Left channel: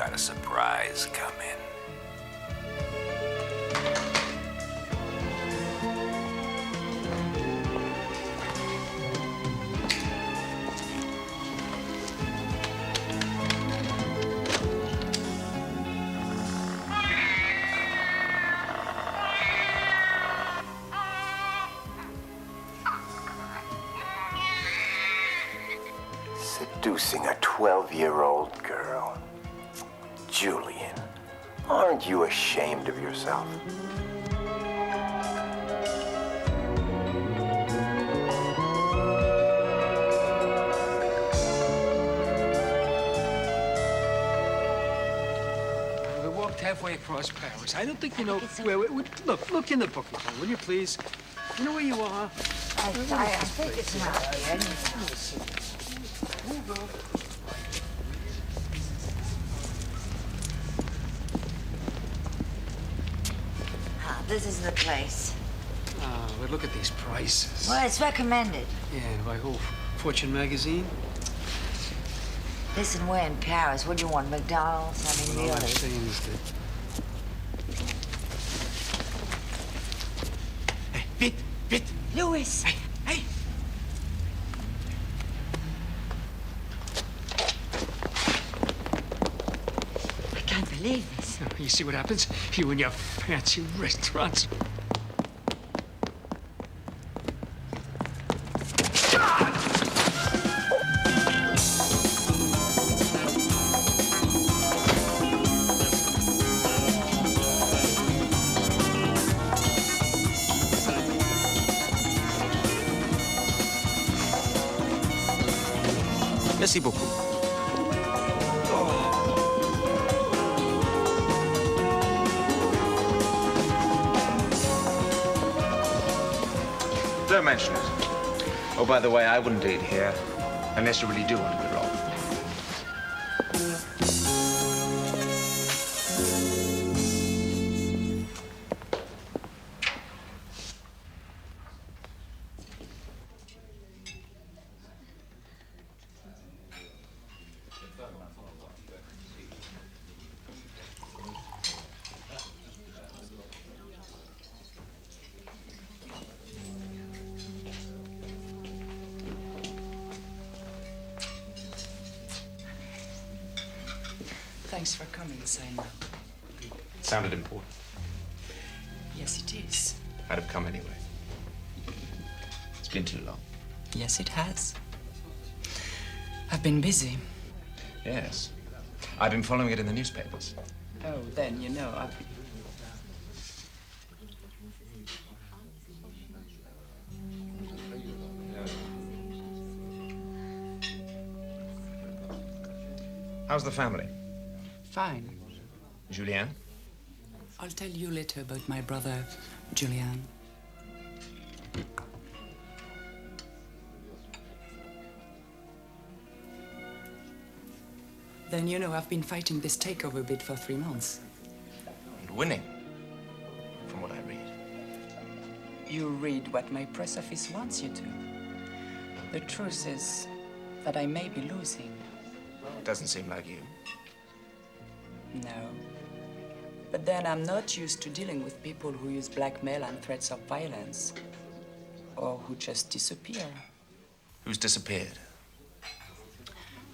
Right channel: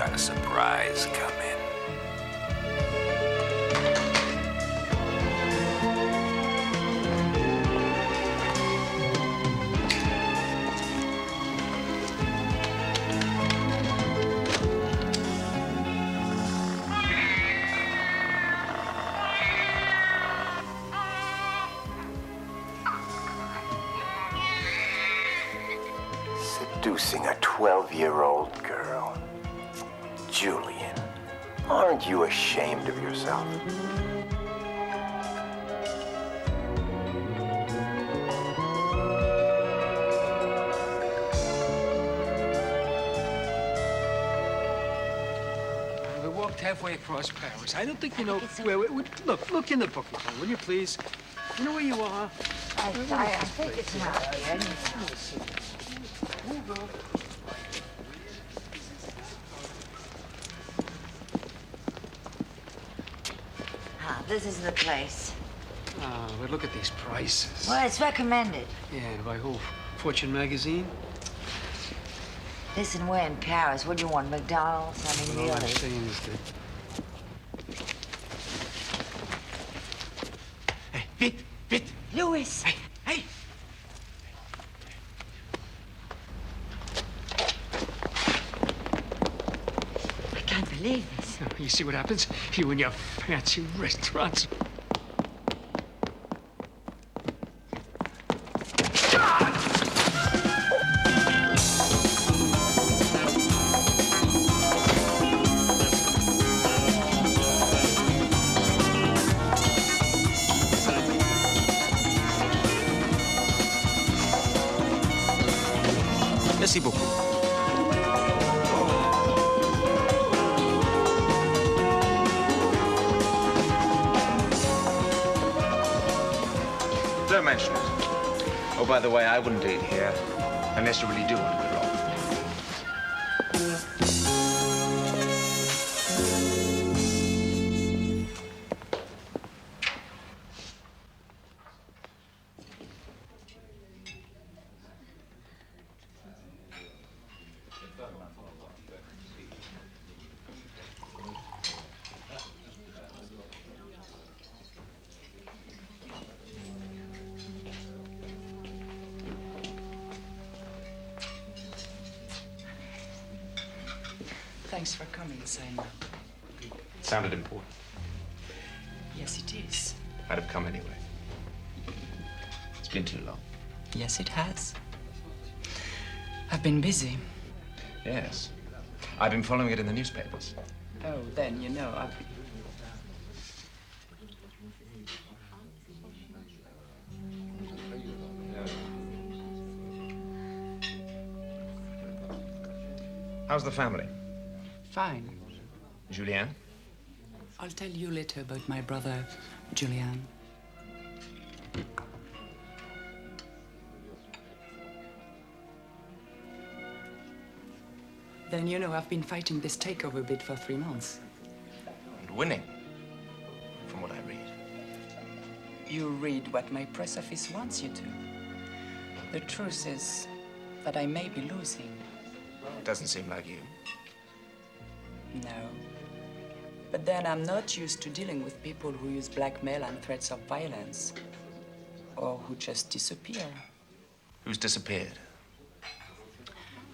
got a surprise coming. Seducing a 12-year-old girl. Julian, aren't you ashamed of yourself? We walked halfway across Paris. I don't think you know where look in the book, will you please? You know where you are? I think it's not here. This is the place. Oh, but look at these prices. Well, it's recommended. Yeah, and by who? Fortune magazine? Listen, we're in Paris. What do you want, McDonald's? I mean, Well, all I'm really. saying is that... Hey, Vite! Louis! Hey! I can't believe this. You see what happens? You and your fancy restaurants. Merci beaucoup. Don't mention it. Oh, by the way, I wouldn't eat here unless you really do want to be wrong. Thanks for coming, Simon. Sounded important. Yes, it is. I'd have come anyway. It's been too long. Yes, it has. I've been busy. Yes. I've been following it in the newspapers. Oh, then, you know, How's the family? Fine. Julien? I'll tell you later about my brother, Julien. Then, you know, I've been fighting this takeover bid for 3 months. And winning, from what I read. You read what my press office wants you to. The truth is that I may be losing. Doesn't seem like you. No. But then I'm not used to dealing with people who use blackmail and threats of violence. Or who just disappear. Who's disappeared?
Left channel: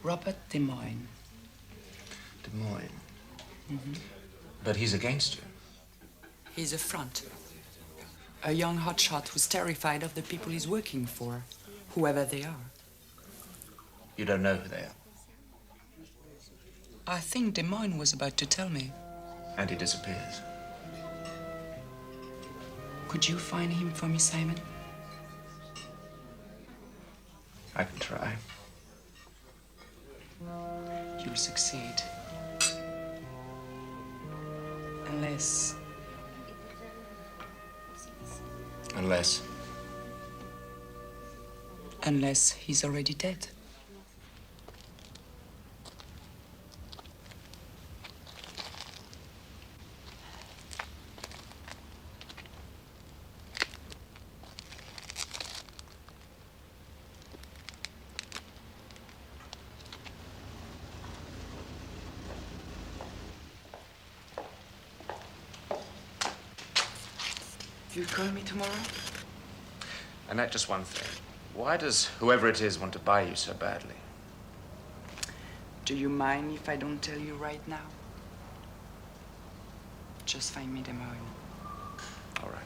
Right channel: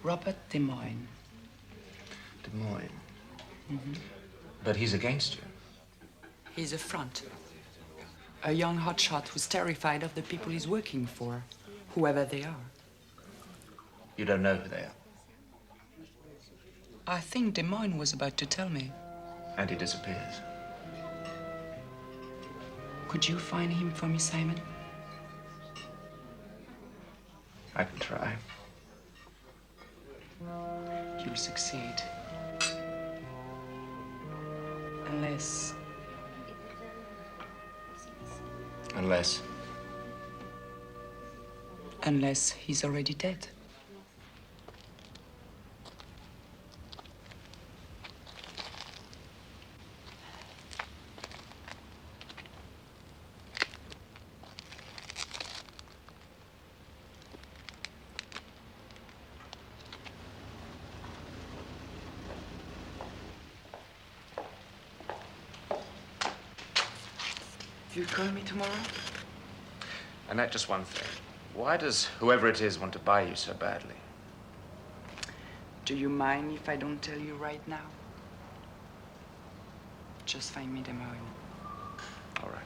Robert Demoyne. Demoyne? But he's against you. He's a front. A young hotshot who's terrified of the people he's working for, whoever they are. You don't know who they are. I think Demoyne was about to tell me. And he disappears. Could you find him for me, Simon? I can try. You'll succeed. Unless... Unless he's already dead. You'll call me tomorrow? Annette, just one thing. Why does whoever it is want to buy you so badly? Do you mind if I don't tell you right now? Just find me Demoyne. All right.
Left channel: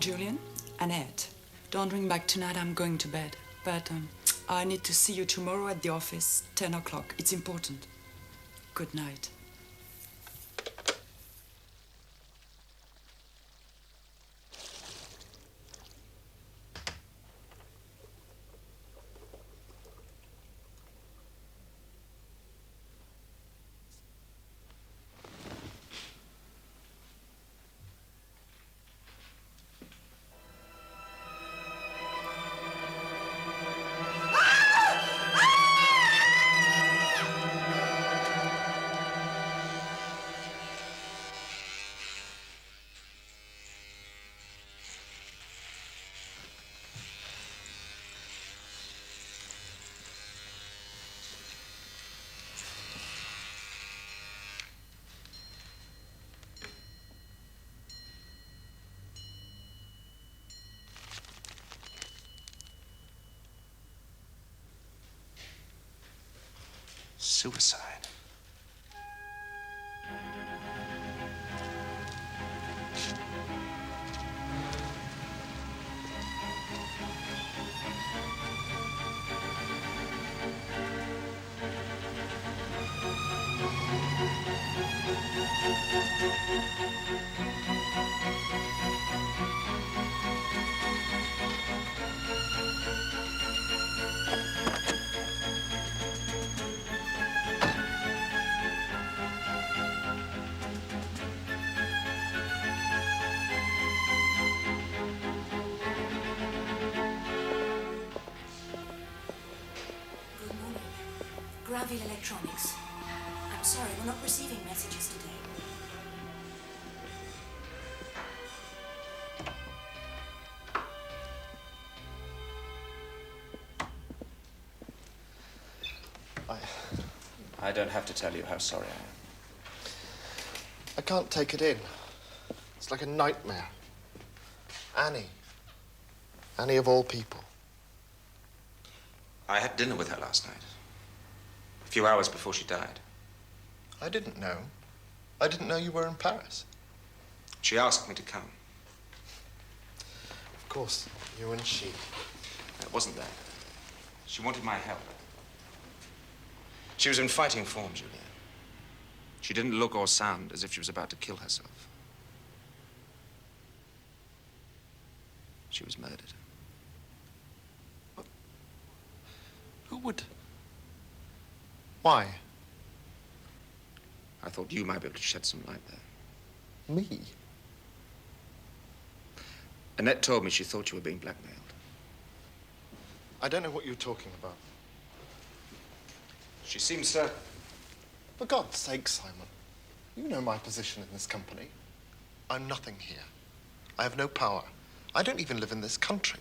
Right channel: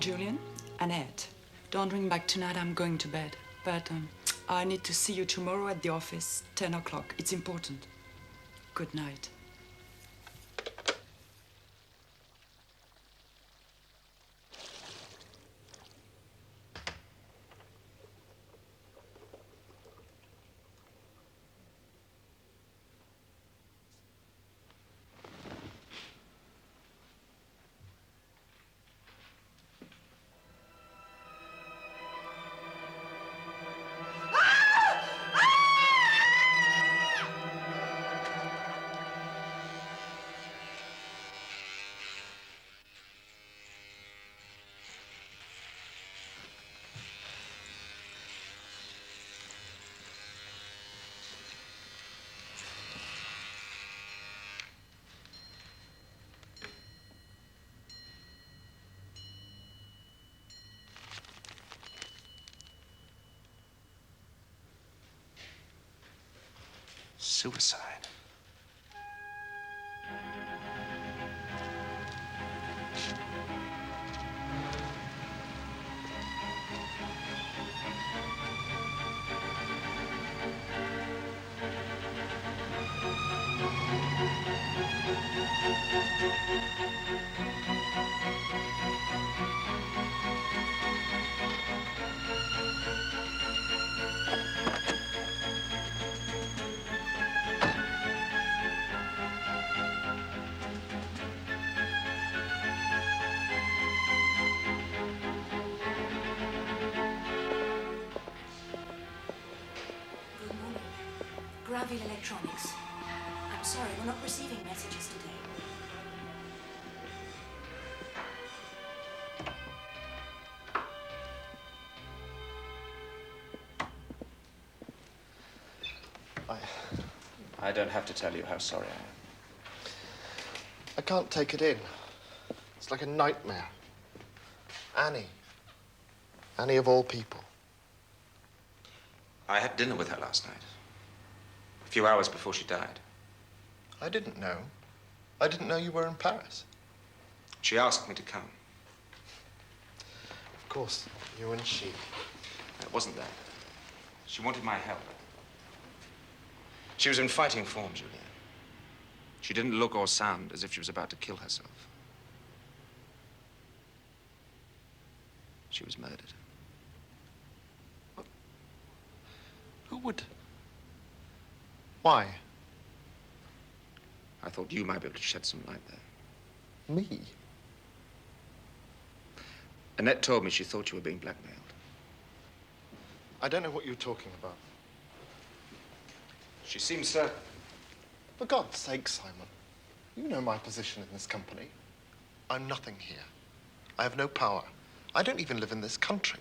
Julian, Annette, don't ring back tonight. I'm going to bed. But I need to see you tomorrow at the office, 10 o'clock. It's important. Good night. Suicide. Graville Electronics. I'm sorry, we're not receiving messages today. I don't have to tell you how sorry I am. I can't take it in. It's like a nightmare. Annie. Annie of all people. I had dinner with her last night. A few hours before she died. I didn't know. I didn't know you were in Paris. She asked me to come. Of course, you and she. It wasn't that. She wanted my help. She was in fighting form, Julia. She didn't look or sound as if she was about to kill herself. She was murdered. Who would? Why? I thought you might be able to shed some light there. Me? Annette told me she thought you were being blackmailed. I don't know what you're talking about. She seems certain. For God's sake, Simon. You know my position in this company. I'm nothing here. I have no power. I don't even live in this country.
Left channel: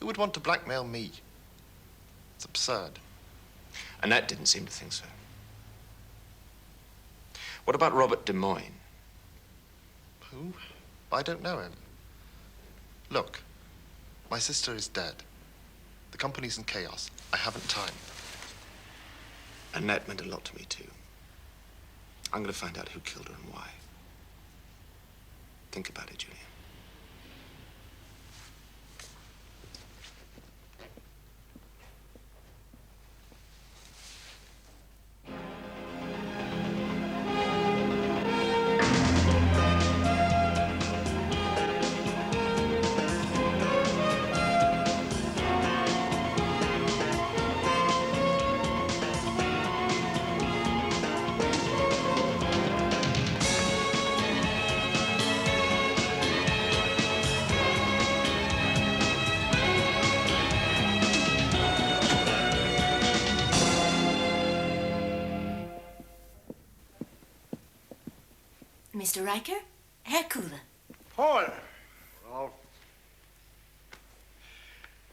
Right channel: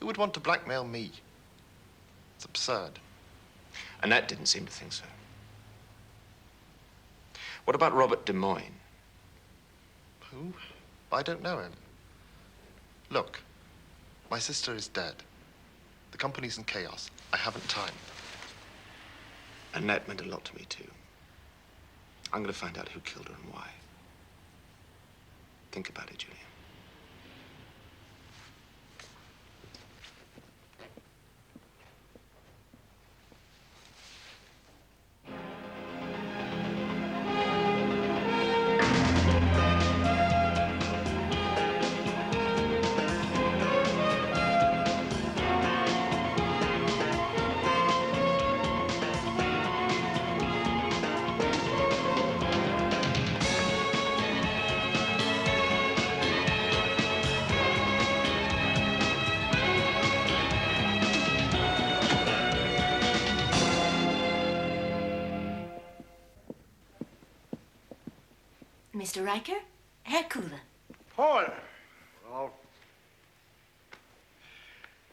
Who would want to blackmail me? It's absurd. Annette didn't seem to think so. What about Robert Demoyne? Who? I don't know him. Look, my sister is dead. The company's in chaos. I haven't time. Annette meant a lot to me, too. I'm going to find out who killed her and why. Think about it, Julian. Mr. Riker, Herr Cooler. Paul. Well,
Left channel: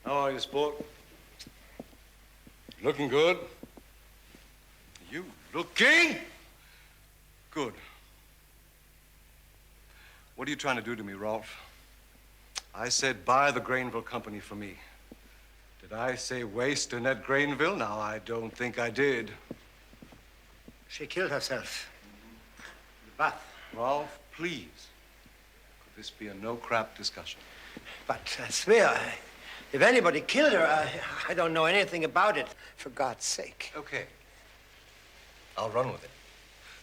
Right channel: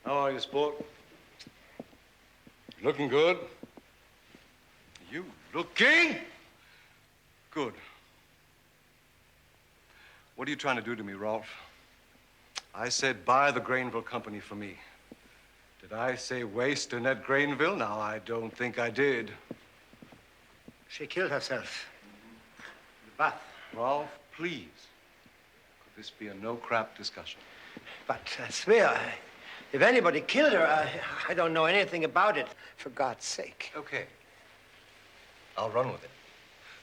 how are you, sport? Looking good? You looking good. What are you trying to do to me, Rolf? I said buy the Grainville company for me. Did I say waste Annette Grainville? No, I don't think I did. She killed herself. In the bath. Rolf, please. Could this be a no-crap discussion? But I swear, if anybody killed her, I don't know anything about it. For God's sake. Okay. I'll run with it.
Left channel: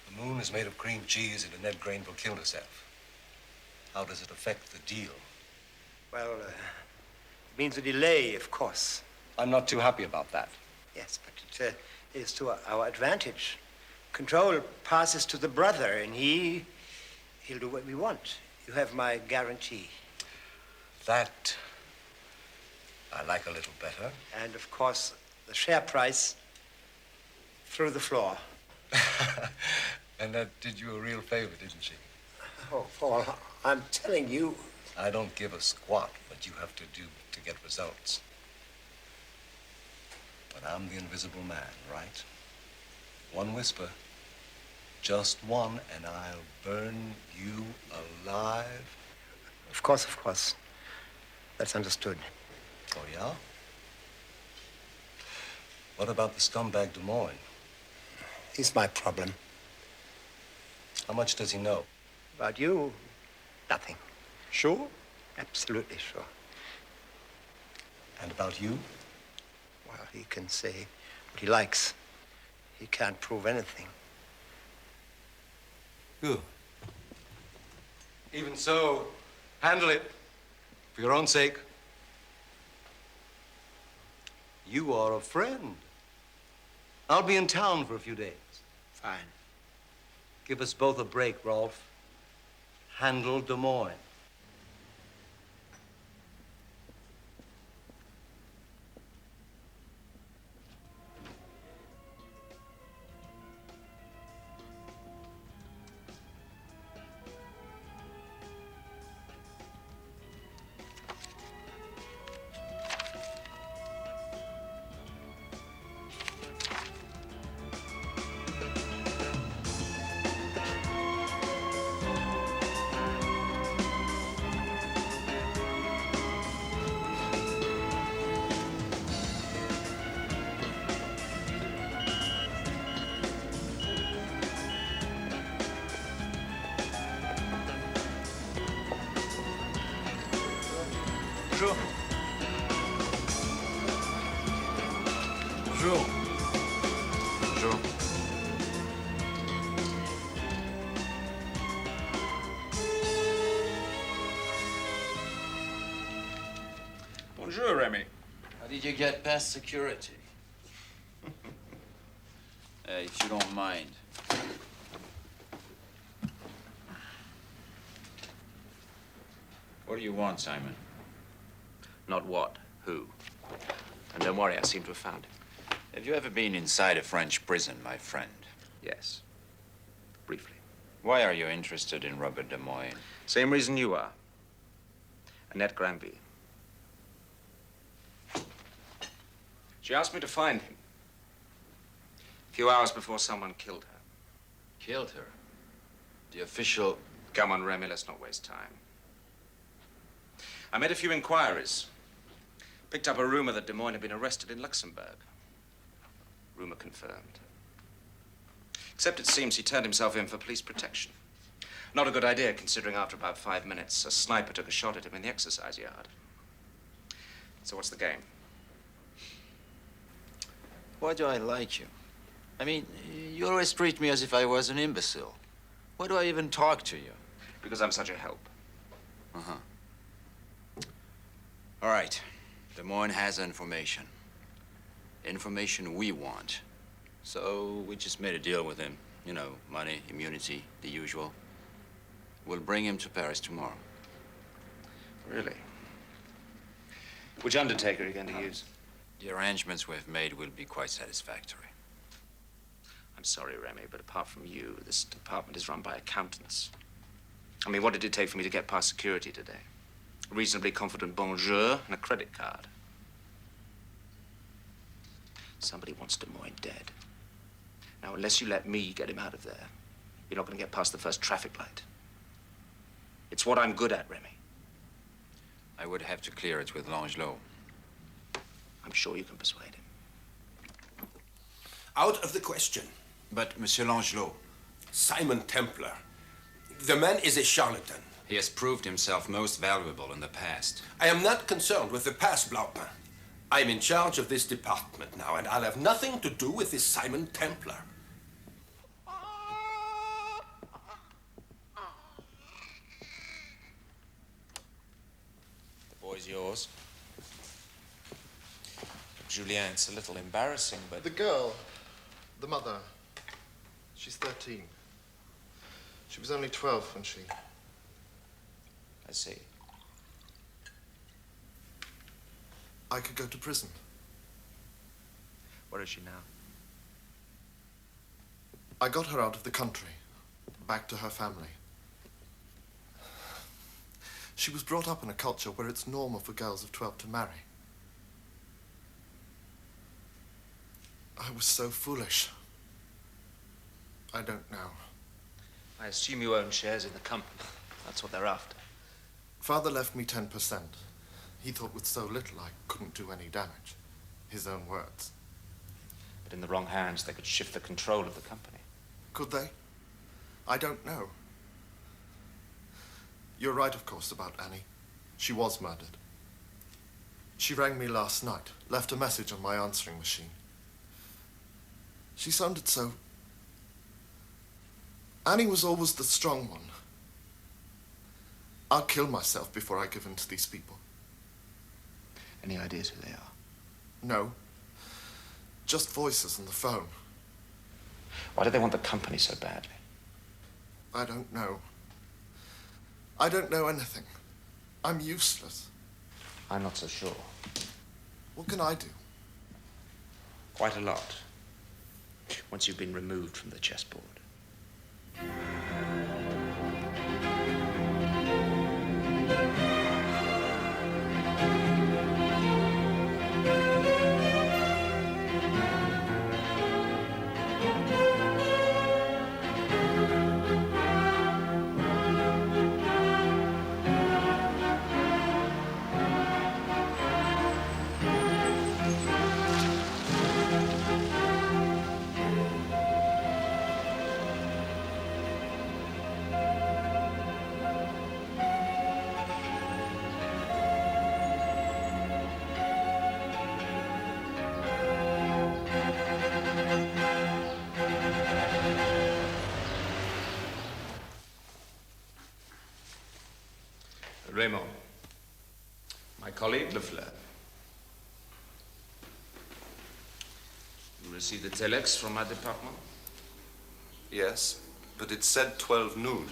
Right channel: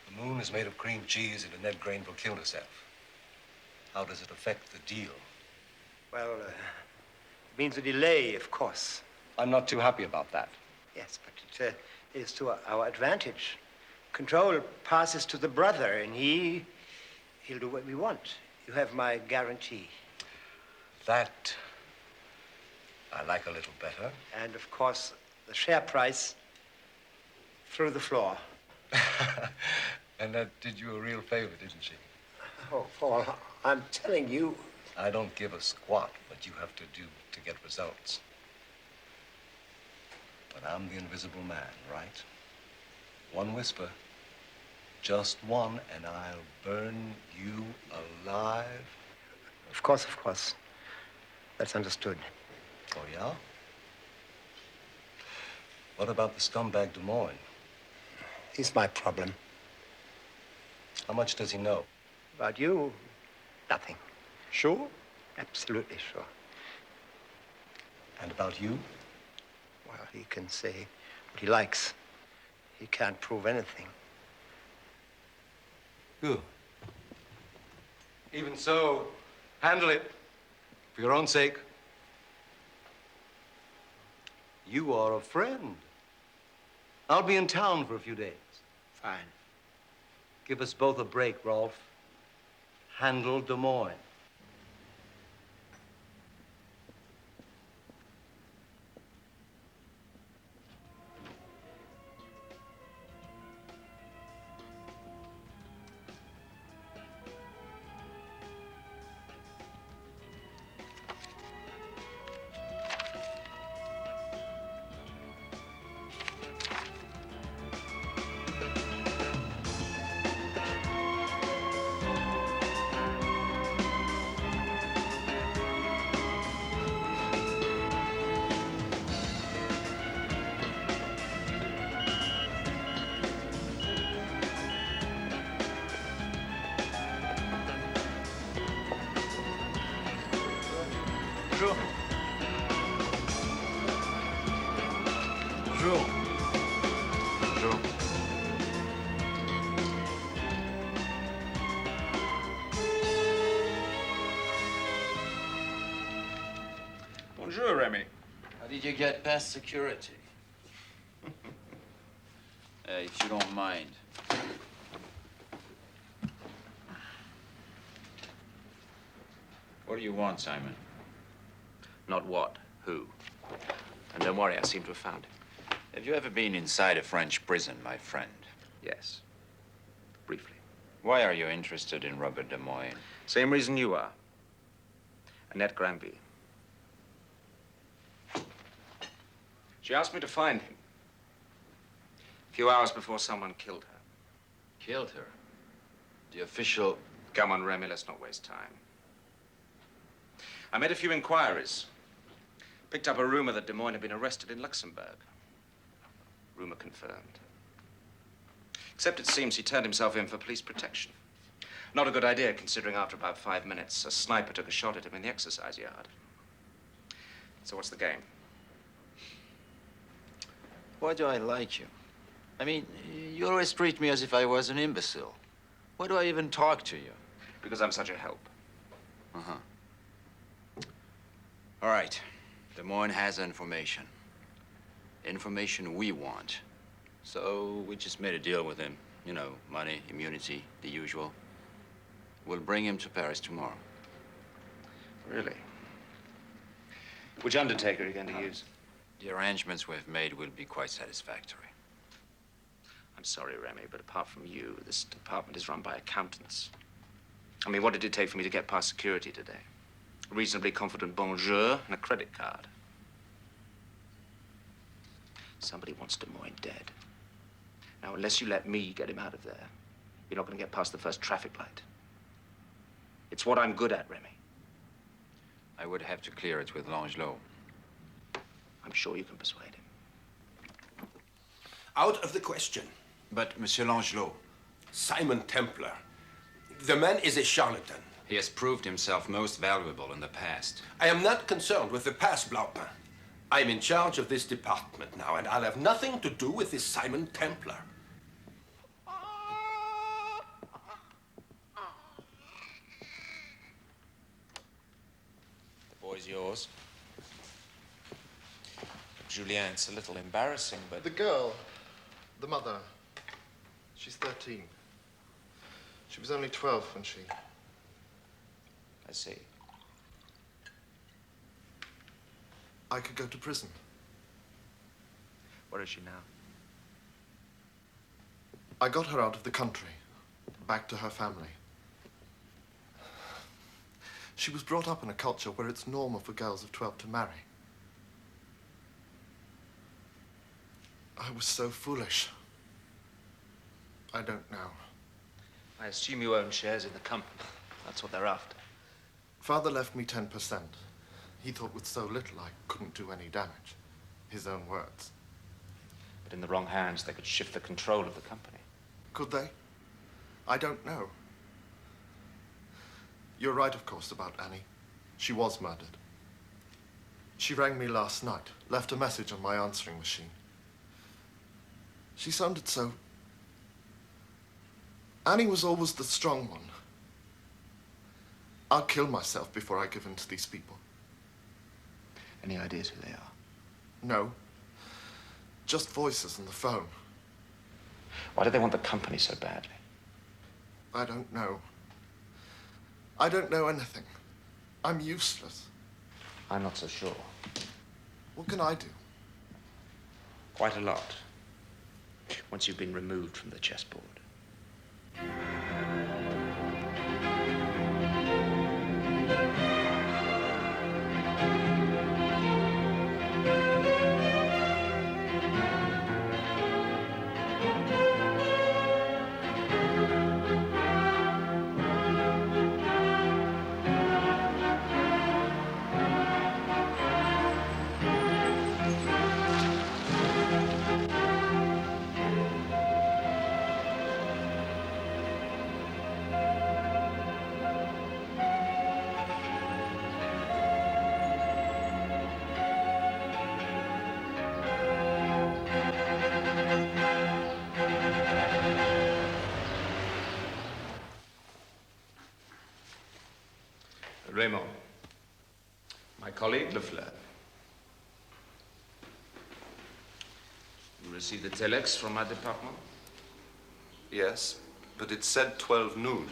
The moon is made of cream cheese and Annette Grainville killed herself. How does it affect the deal? Well, it means a delay, of course. I'm not too happy about that. Yes, but it is to our advantage. Control passes to the brother, and he'll do what we want. You have my guarantee. That I like a little better. And, of course, the share price through the floor. And that did you a real favor, didn't she? Oh, Paul, I'm telling you. I don't give a squat what you have to do to get results. But I'm the invisible man, right? One whisper, just one, and I'll burn you alive. Of course. That's understood. Oh, yeah? What about the scumbag Demoyne? He's my problem. How much does he know? About you, nothing. Sure? Absolutely sure. And about you? Well, he can say what he likes. He can't prove anything. Good. Even so, handle it for your own sake. You are a friend. I'll be in town for a few days. Fine. Give us both a break, Rolf. Handle Demoyne. Bonjour, Remy. How did you get past security? If you don't mind. What do you want, Simon? Not what, who. And don't worry, I seem to have found him. Have you ever been inside a French prison, my friend? Yes. Briefly. Why are you interested in Robert Demoyne? Same reason you are. Annette Granby. She asked me to find him. A few hours before someone killed her. Killed her? The official... Come on, Remy, let's not waste time. I made a few inquiries. Picked up a rumor that Demoyne had been arrested in Luxembourg. Rumor confirmed. Except it seems he turned himself in for police protection. Not a good idea, considering after about 5 minutes, a sniper took a shot at him in the exercise yard. So what's the game? Why do I like you? I mean, you always treat me as if I was an imbecile. Why do I even talk to you? Because I'm such a help. Uh-huh. All right. Demoyne has information. Information we want. So we just made a deal with him. You know, money, immunity, the usual. We'll bring him to Paris tomorrow. Really? Which undertaker are you going to use? The arrangements we've made will be quite satisfactory. I'm sorry, Remy, but apart from you, this department is run by accountants. I mean, what did it take for me to get past security today? A reasonably confident bonjour and a credit card. Somebody wants Demoyne dead. Now, unless you let me get him out of there, you're not going to get past the first traffic light. It's what I'm good at, Remy. I would have to clear it with Langelot. I'm sure you can persuade him. Out of the question. But, Monsieur Langelot... Simon Templar. The man is a charlatan. He has proved himself most valuable in the past. I am not concerned with the past, Blancpain. I'm in charge of this department now, and I'll have nothing to do with this Simon Templar. The boy's yours. Julien, it's a little embarrassing, but... The girl, the mother, she's 13. She was only 12 when she... I see. I could go to prison. Where is she now? I got her out of the country, back to her family. She was brought up in a culture where it's normal for girls of 12 to marry. I was so foolish. I don't know. I assume you own shares in the company. That's what they're after. Father left me 10%. He thought with so little I couldn't do any damage. His own words. But in the wrong hands, they could shift the control of the company. Could they? I don't know. You're right, of course, about Annie. She was murdered. She rang me last night, left a message on my answering machine. She sounded so... Annie was always the strong one. I'll kill myself before I give in to these people. Any ideas who they are? No. Just voices on the phone. Why do they want the company so badly? I don't know. I don't know anything. I'm useless. I'm not so sure. What can I do? Quite a lot. Once you've been removed from the chessboard. Raymond, my colleague, Lefleur. You received the telex from my department? Yes, but it said 12 noon.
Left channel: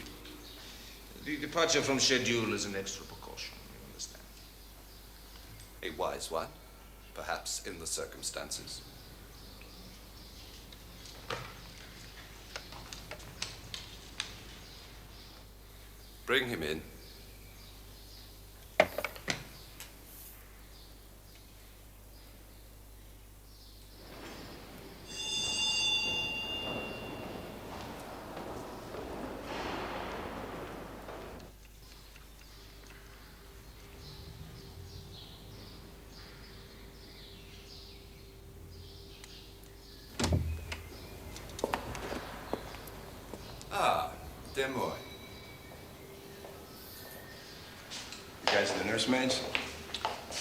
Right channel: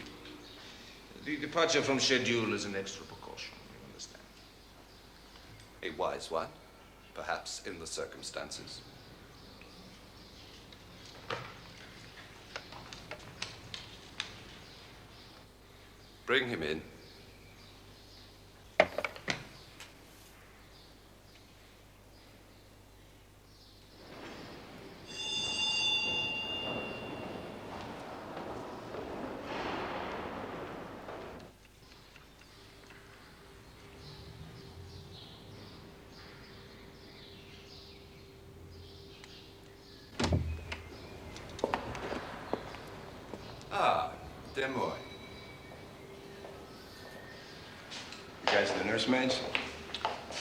The departure from schedule is an extra precaution, you understand? A wise one, perhaps in the circumstances. Bring him in. Ah, Demoyne. You guys are the nursemaids?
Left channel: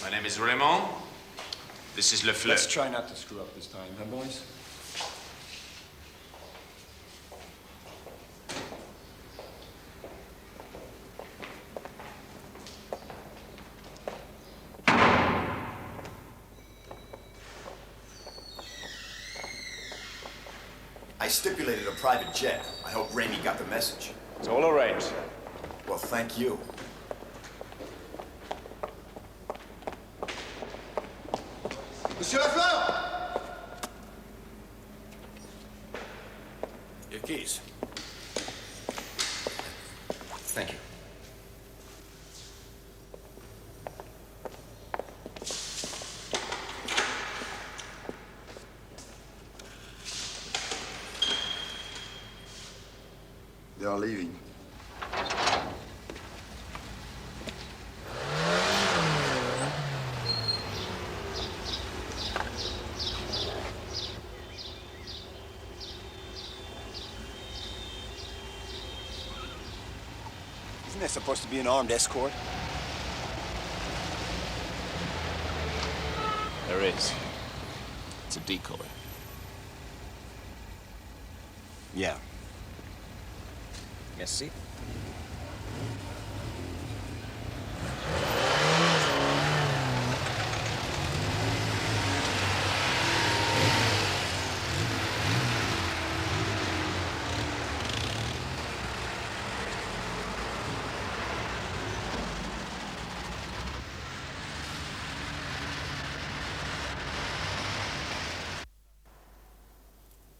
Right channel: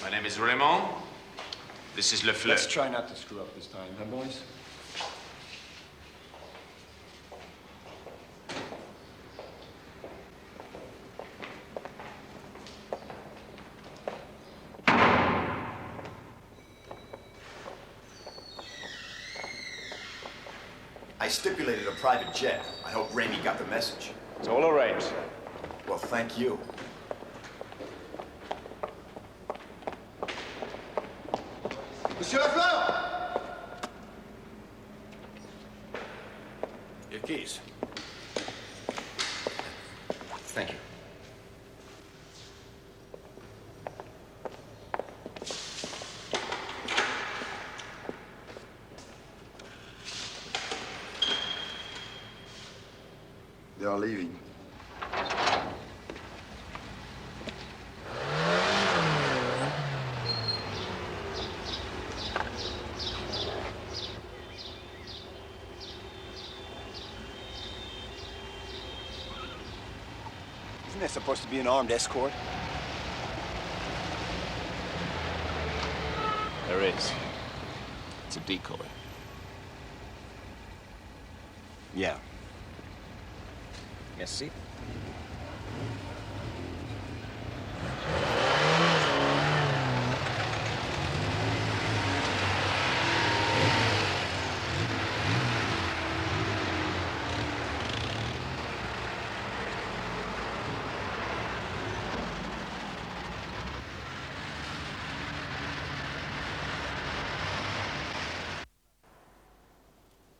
My name is Raymond. This is Le Fleur. Let's try not to screw up this time, huh, boys? I stipulated a private jet. I hope Raimi got the message. It's all arranged. Well, thank you. Monsieur Lafleur! Your keys. Thank you. They are leaving. Isn't there supposed to be an armed escort? There is. It's a decoy. Yeah. Merci.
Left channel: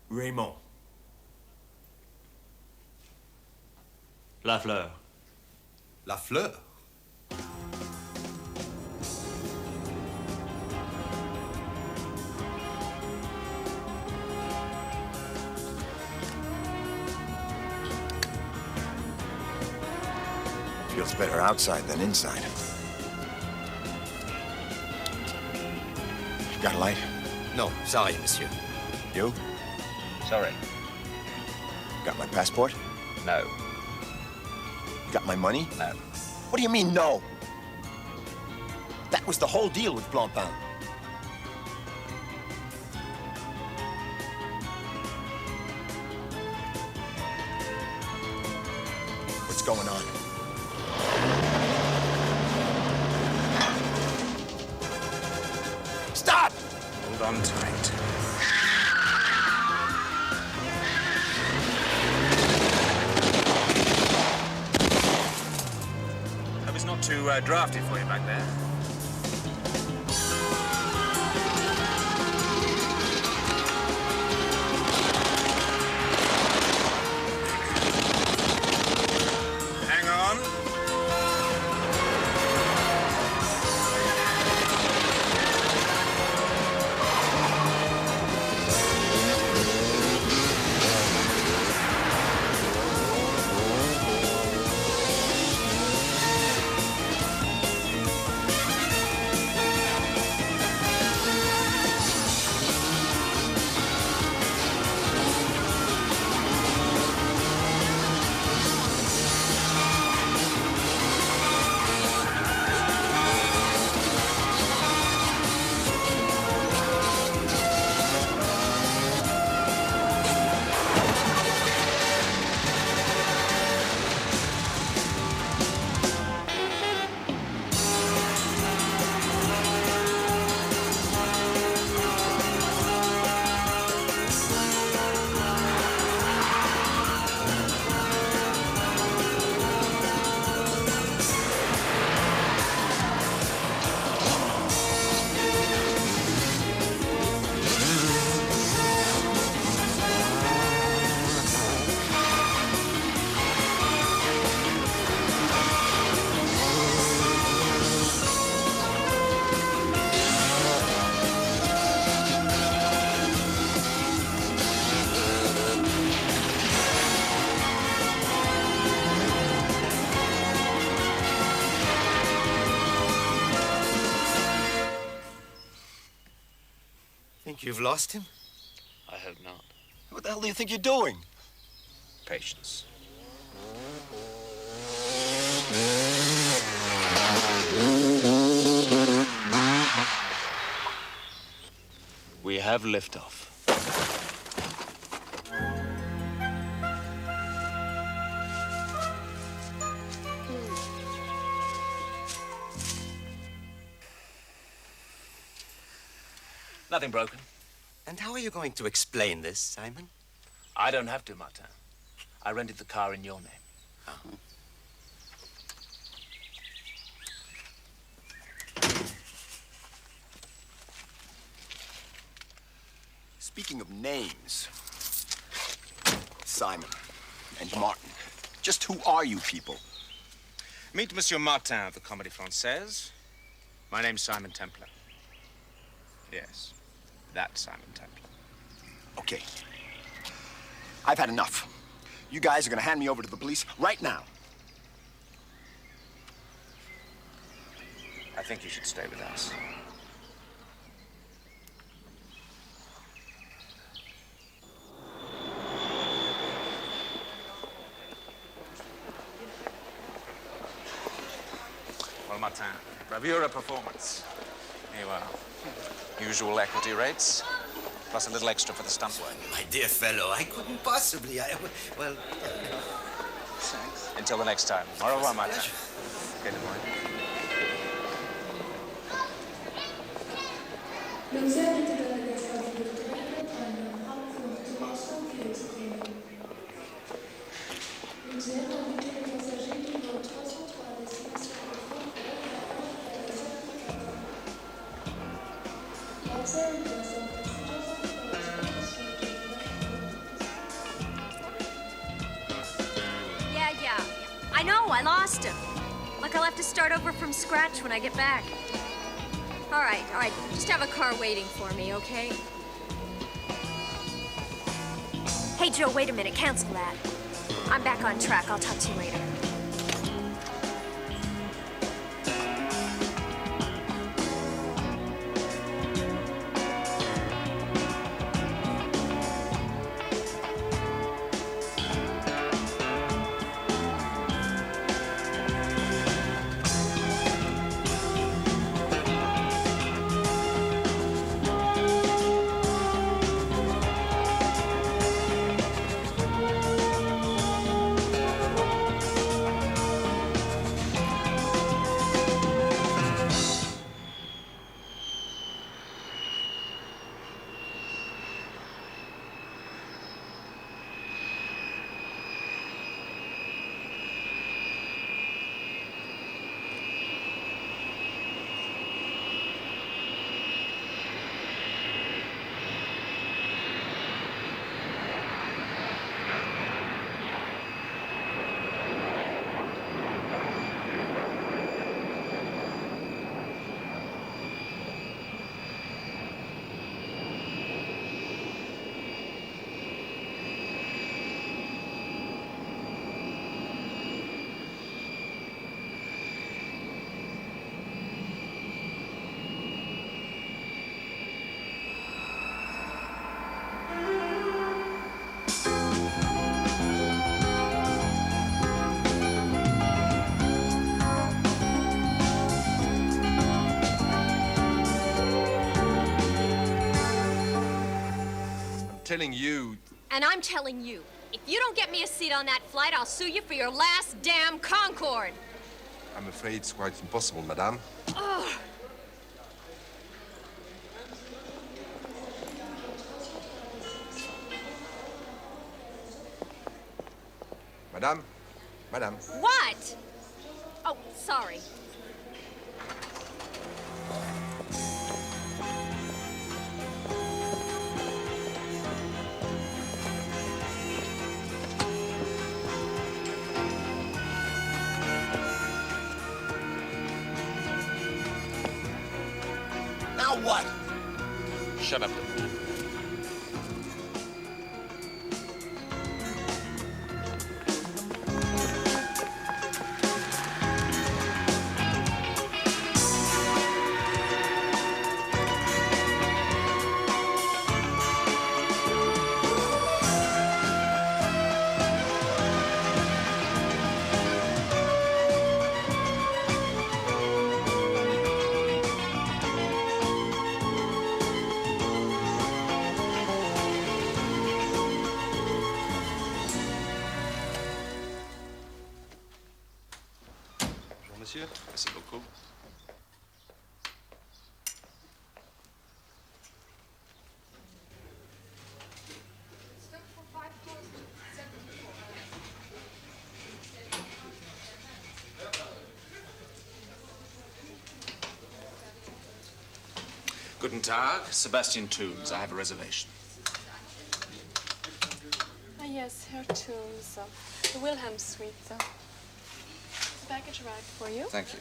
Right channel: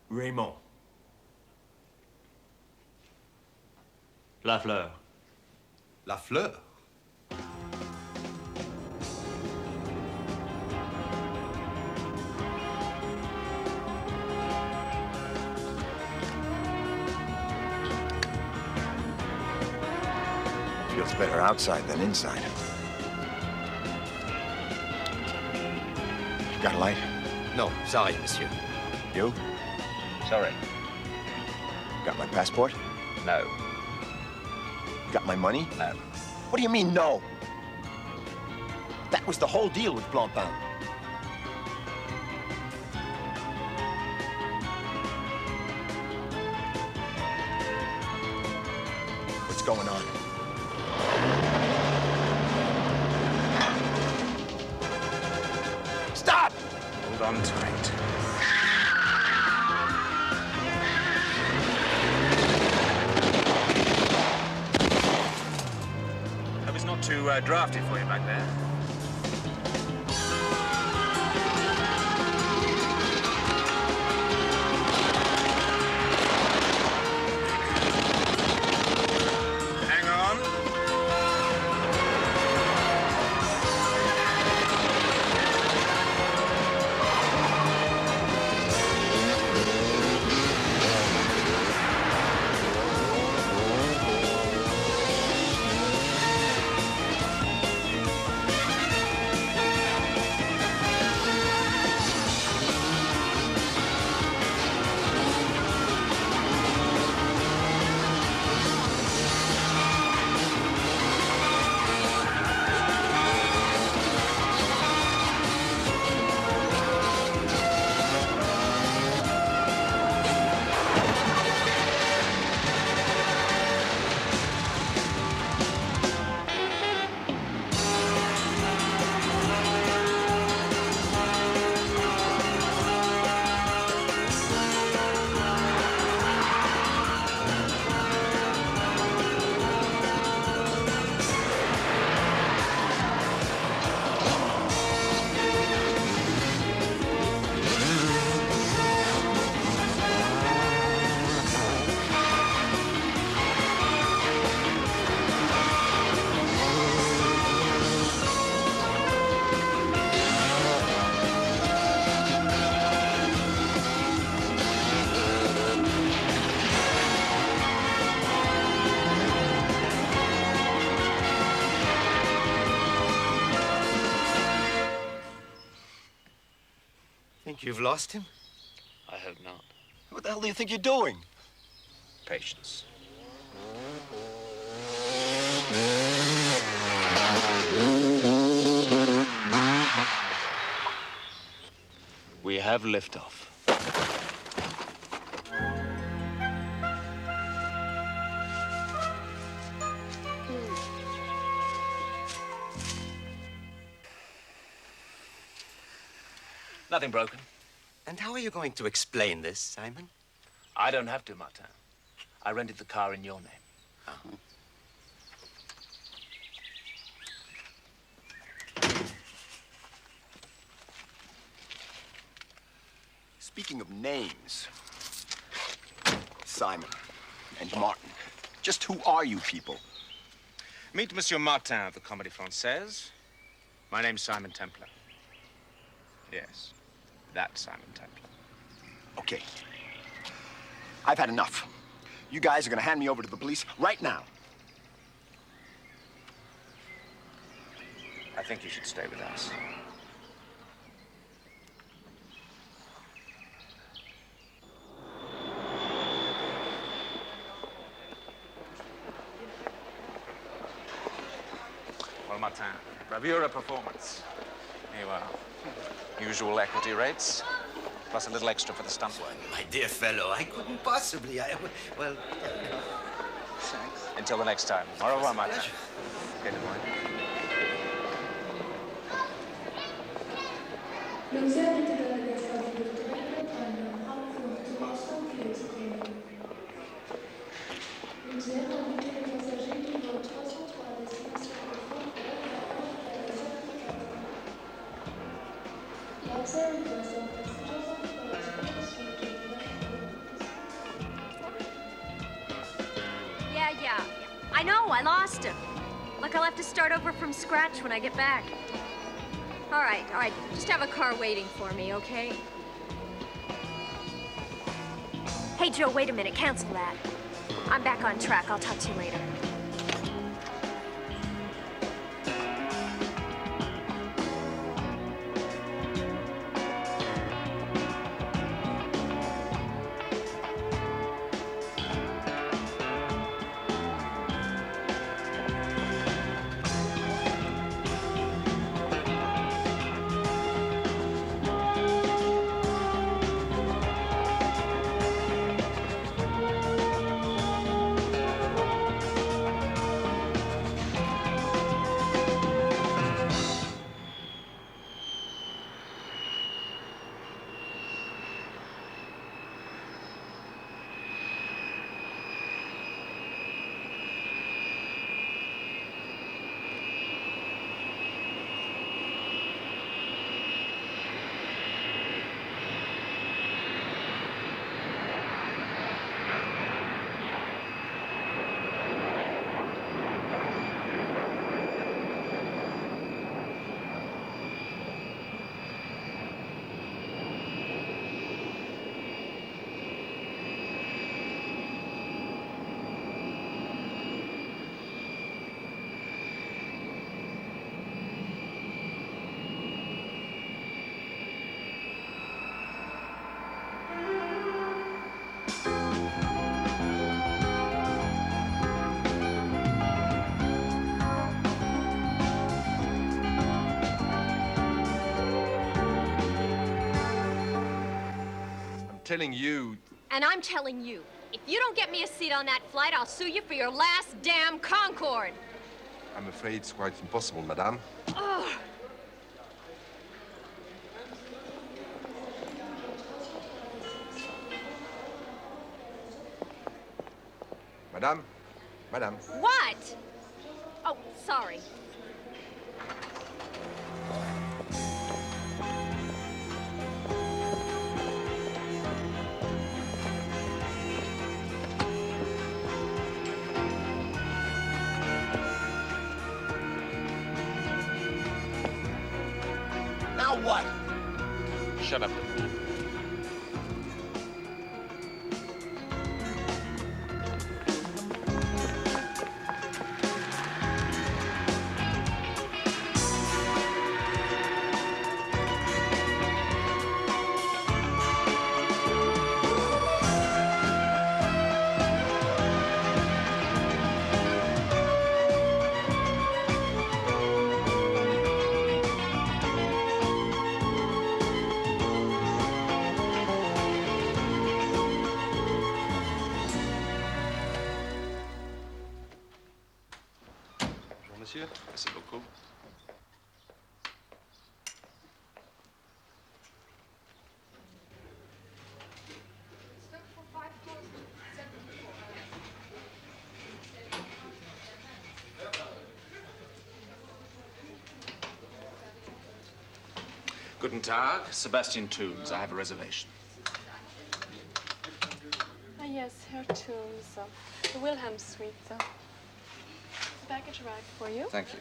Raymond. La Fleur. La Fleur? Feels better outside than inside. Got a light? No, sorry, monsieur. You? Sorry. Got my passport? No. Got my money? No. What do you mean, no? That was the whole deal with Blancpain. What's going on? Stop! Hold on tight. Hope it's not too drafty for you back there. Hang on. You've lost him? I hope not. What the hell do you think you're doing? Patience. We have liftoff. Nothing broken. And how are you going to explain this, Simon? I don't have to, Martin. I rented the car in your name. Speaking of names, Simon and Martin, just who are you people? Meet Monsieur Martin of the Comédie Française. My name's Simon Templar. Yes, that Simon Templar. Okay. I've had enough. You guys are gonna hand me over to the police right now. I think you should stay with us. Well, Martin, bravura performance. Here you are. Usual equity rates, plus a little extra for the stunt work. My dear fellow, I couldn't possibly. Well... Thanks. Until the next time. Au revoir, Martin. Okay, Demoyne. Yeah. I know, I lost him. Like I'll have to start over from scratch when I get back. All right. Just have a car waiting for me, okay? Hey, Joe, wait a minute. Cancel that. I'm back on track. I'll talk to you later. Telling you. And I'm telling you, if you don't get me a seat on that flight, I'll sue you for your last damn Concorde. I'm afraid it's quite impossible, madame. Ugh. Madame. What? Oh, sorry. Now what? Shut up. monsieur. Merci beaucoup. Guten Tag, Sebastian Tombs. I have a reservation. Ah, yes, Herr Tombs. The Wilhelm Suite. The package arrived for you. Thank you.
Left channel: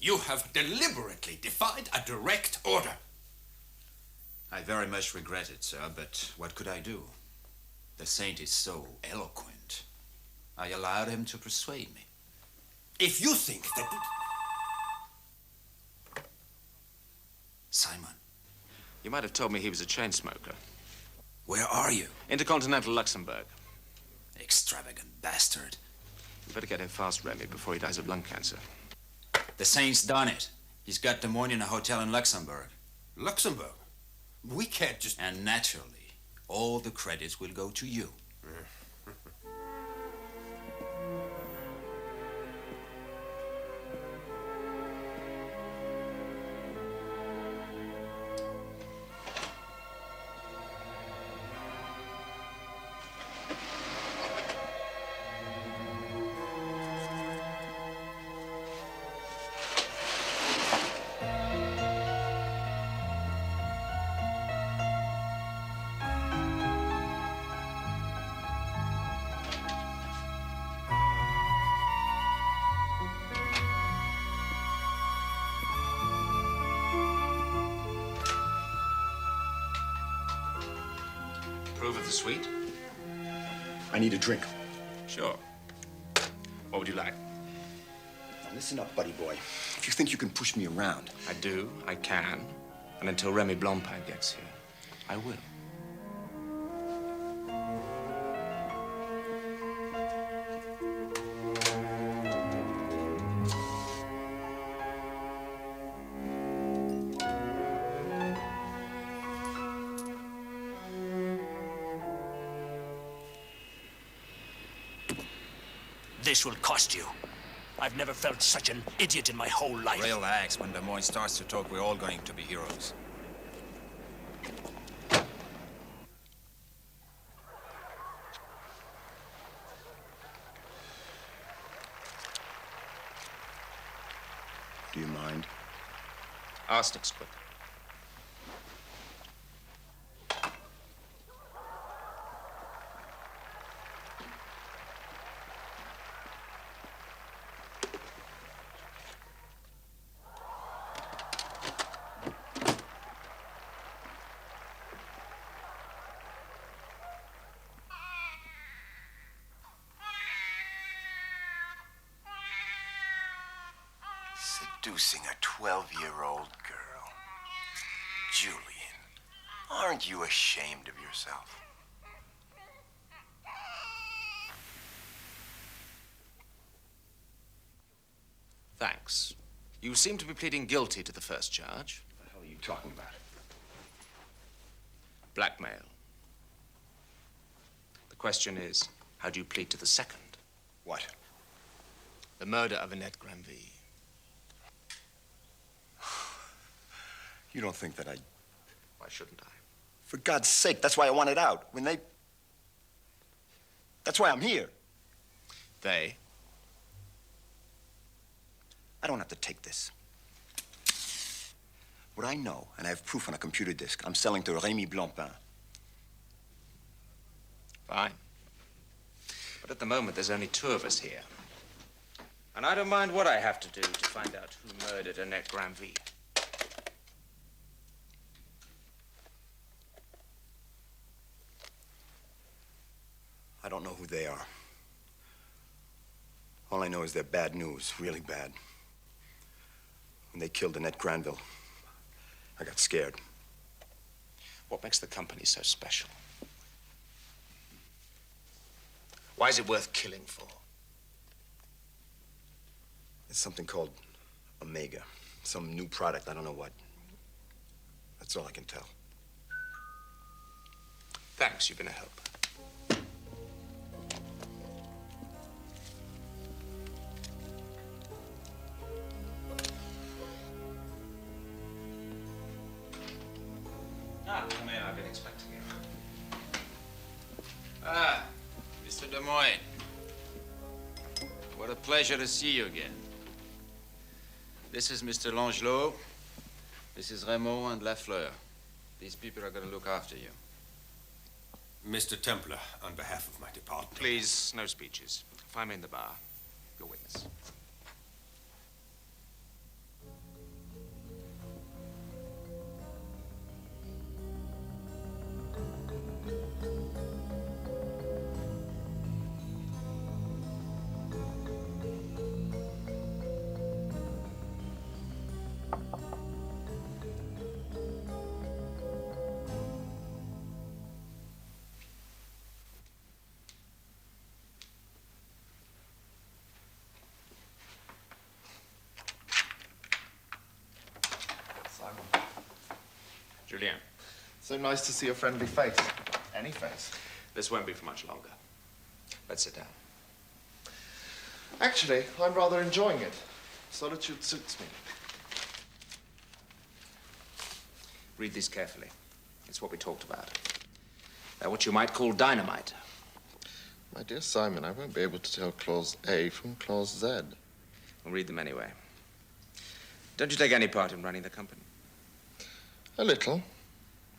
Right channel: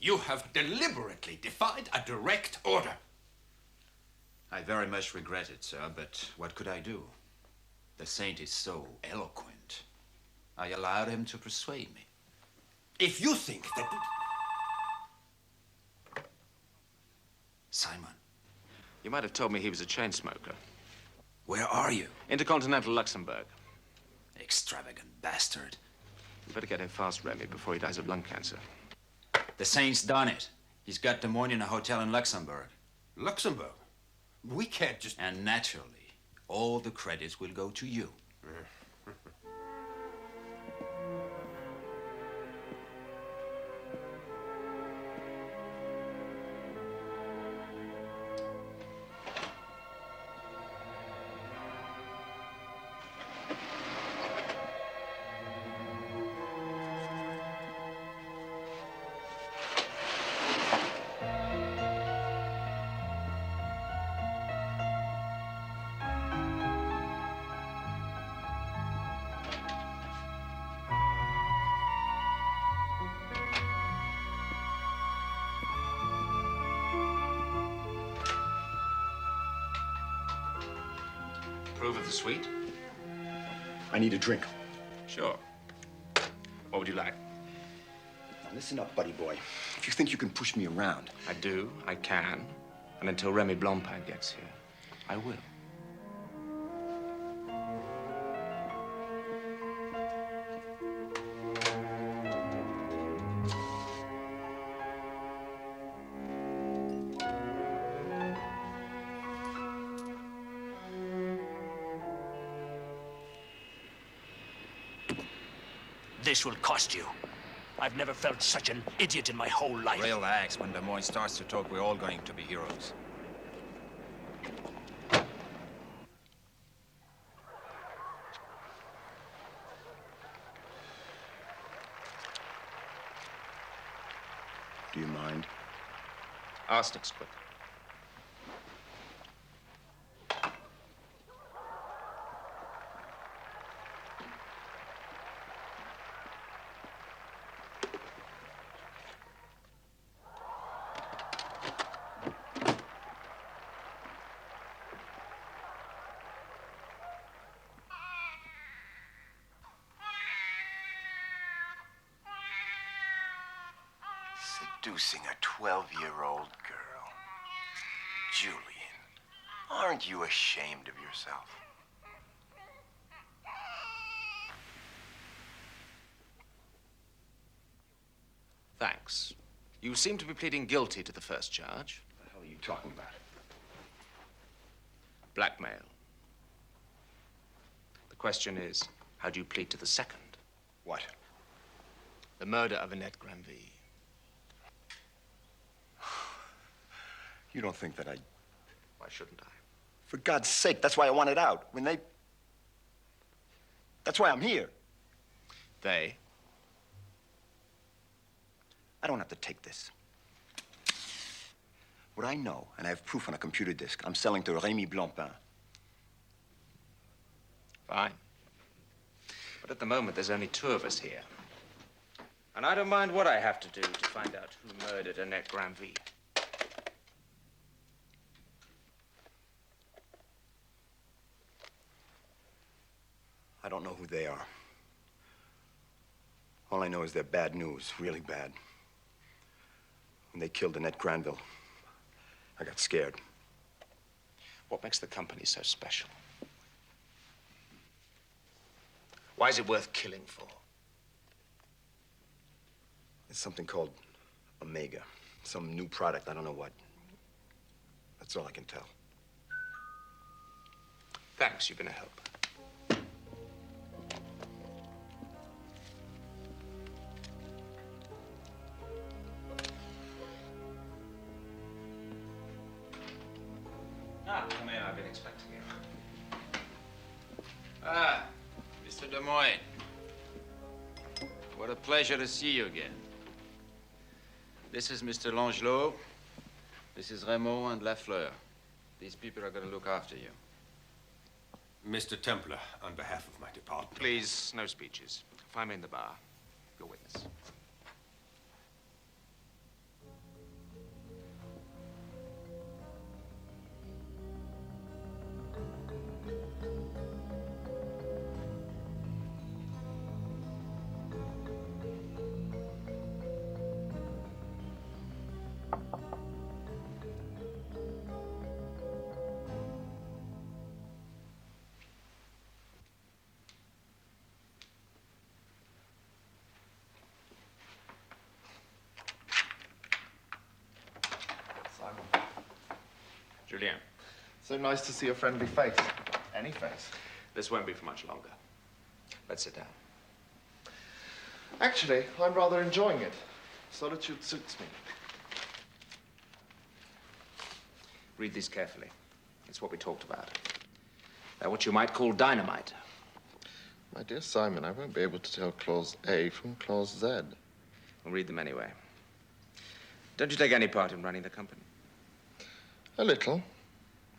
You have deliberately defied a direct order. I very much regret it, sir, but what could I do? The saint is so eloquent. I allowed him to persuade me. If you think that... Simon. You might have told me he was a chain smoker. Where are you? Intercontinental Luxembourg. Extravagant bastard. You better get him fast, Remy, before he dies of lung cancer. The saint's done it. He's got Demoyne in a hotel in Luxembourg. Luxembourg? We can't just... And naturally, all the credits will go to you. Approve of the suite? I need a drink. Sure. What would you like? Now listen up, buddy boy. If you think you can push me around... I do, I can. And until Remy Blancpain gets here, I will. This will cost you. I've never felt such an idiot in my whole life. Relax. When Demoyne starts to talk, we're all going to be heroes. Do you mind? Arsenic's quick. Seducing a 12-year-old girl. Julian, aren't you ashamed of yourself? Thanks. You seem to be pleading guilty to the first charge. What the hell are you talking about? Blackmail. The question is, how do you plead to the second? What? The murder of Annette Granville. You don't think that I... Why shouldn't I? For God's sake, that's why I wanted out. When they... That's why I'm here. They? I don't have to take this. What I know, and I have proof on a computer disk, I'm selling to Remy Blancpain. Fine. But at the moment, there's only two of us here. And I don't mind what I have to do to find out who murdered Annette Granville. I don't know who they are. All I know is they're bad news, really bad. When they killed Annette Granville, I got scared. What makes the company so special? Why is it worth killing for? It's something called Omega. Some new product, I don't know what. That's all I can tell. Thanks, you've been a help. Ah, come in. I've been expecting you. Ah, Mr. Demoyne. What a pleasure to see you again. This is Mr. Langelot. This is Raymond and Lafleur. These people are going to look after you. Mr. Templar, on behalf of my department. Please, no speeches. Find me in the bar. Your witness. Julien. So nice to see a friendly face. Any face. This won't be for much longer. Let's sit down. Actually, I'm rather enjoying it. Solitude suits me. Read this carefully. It's what we talked about. They're what you might call dynamite. My dear Simon, I won't be able to tell clause A from clause Z. We'll read them anyway. Don't you take any part in running the company? A little.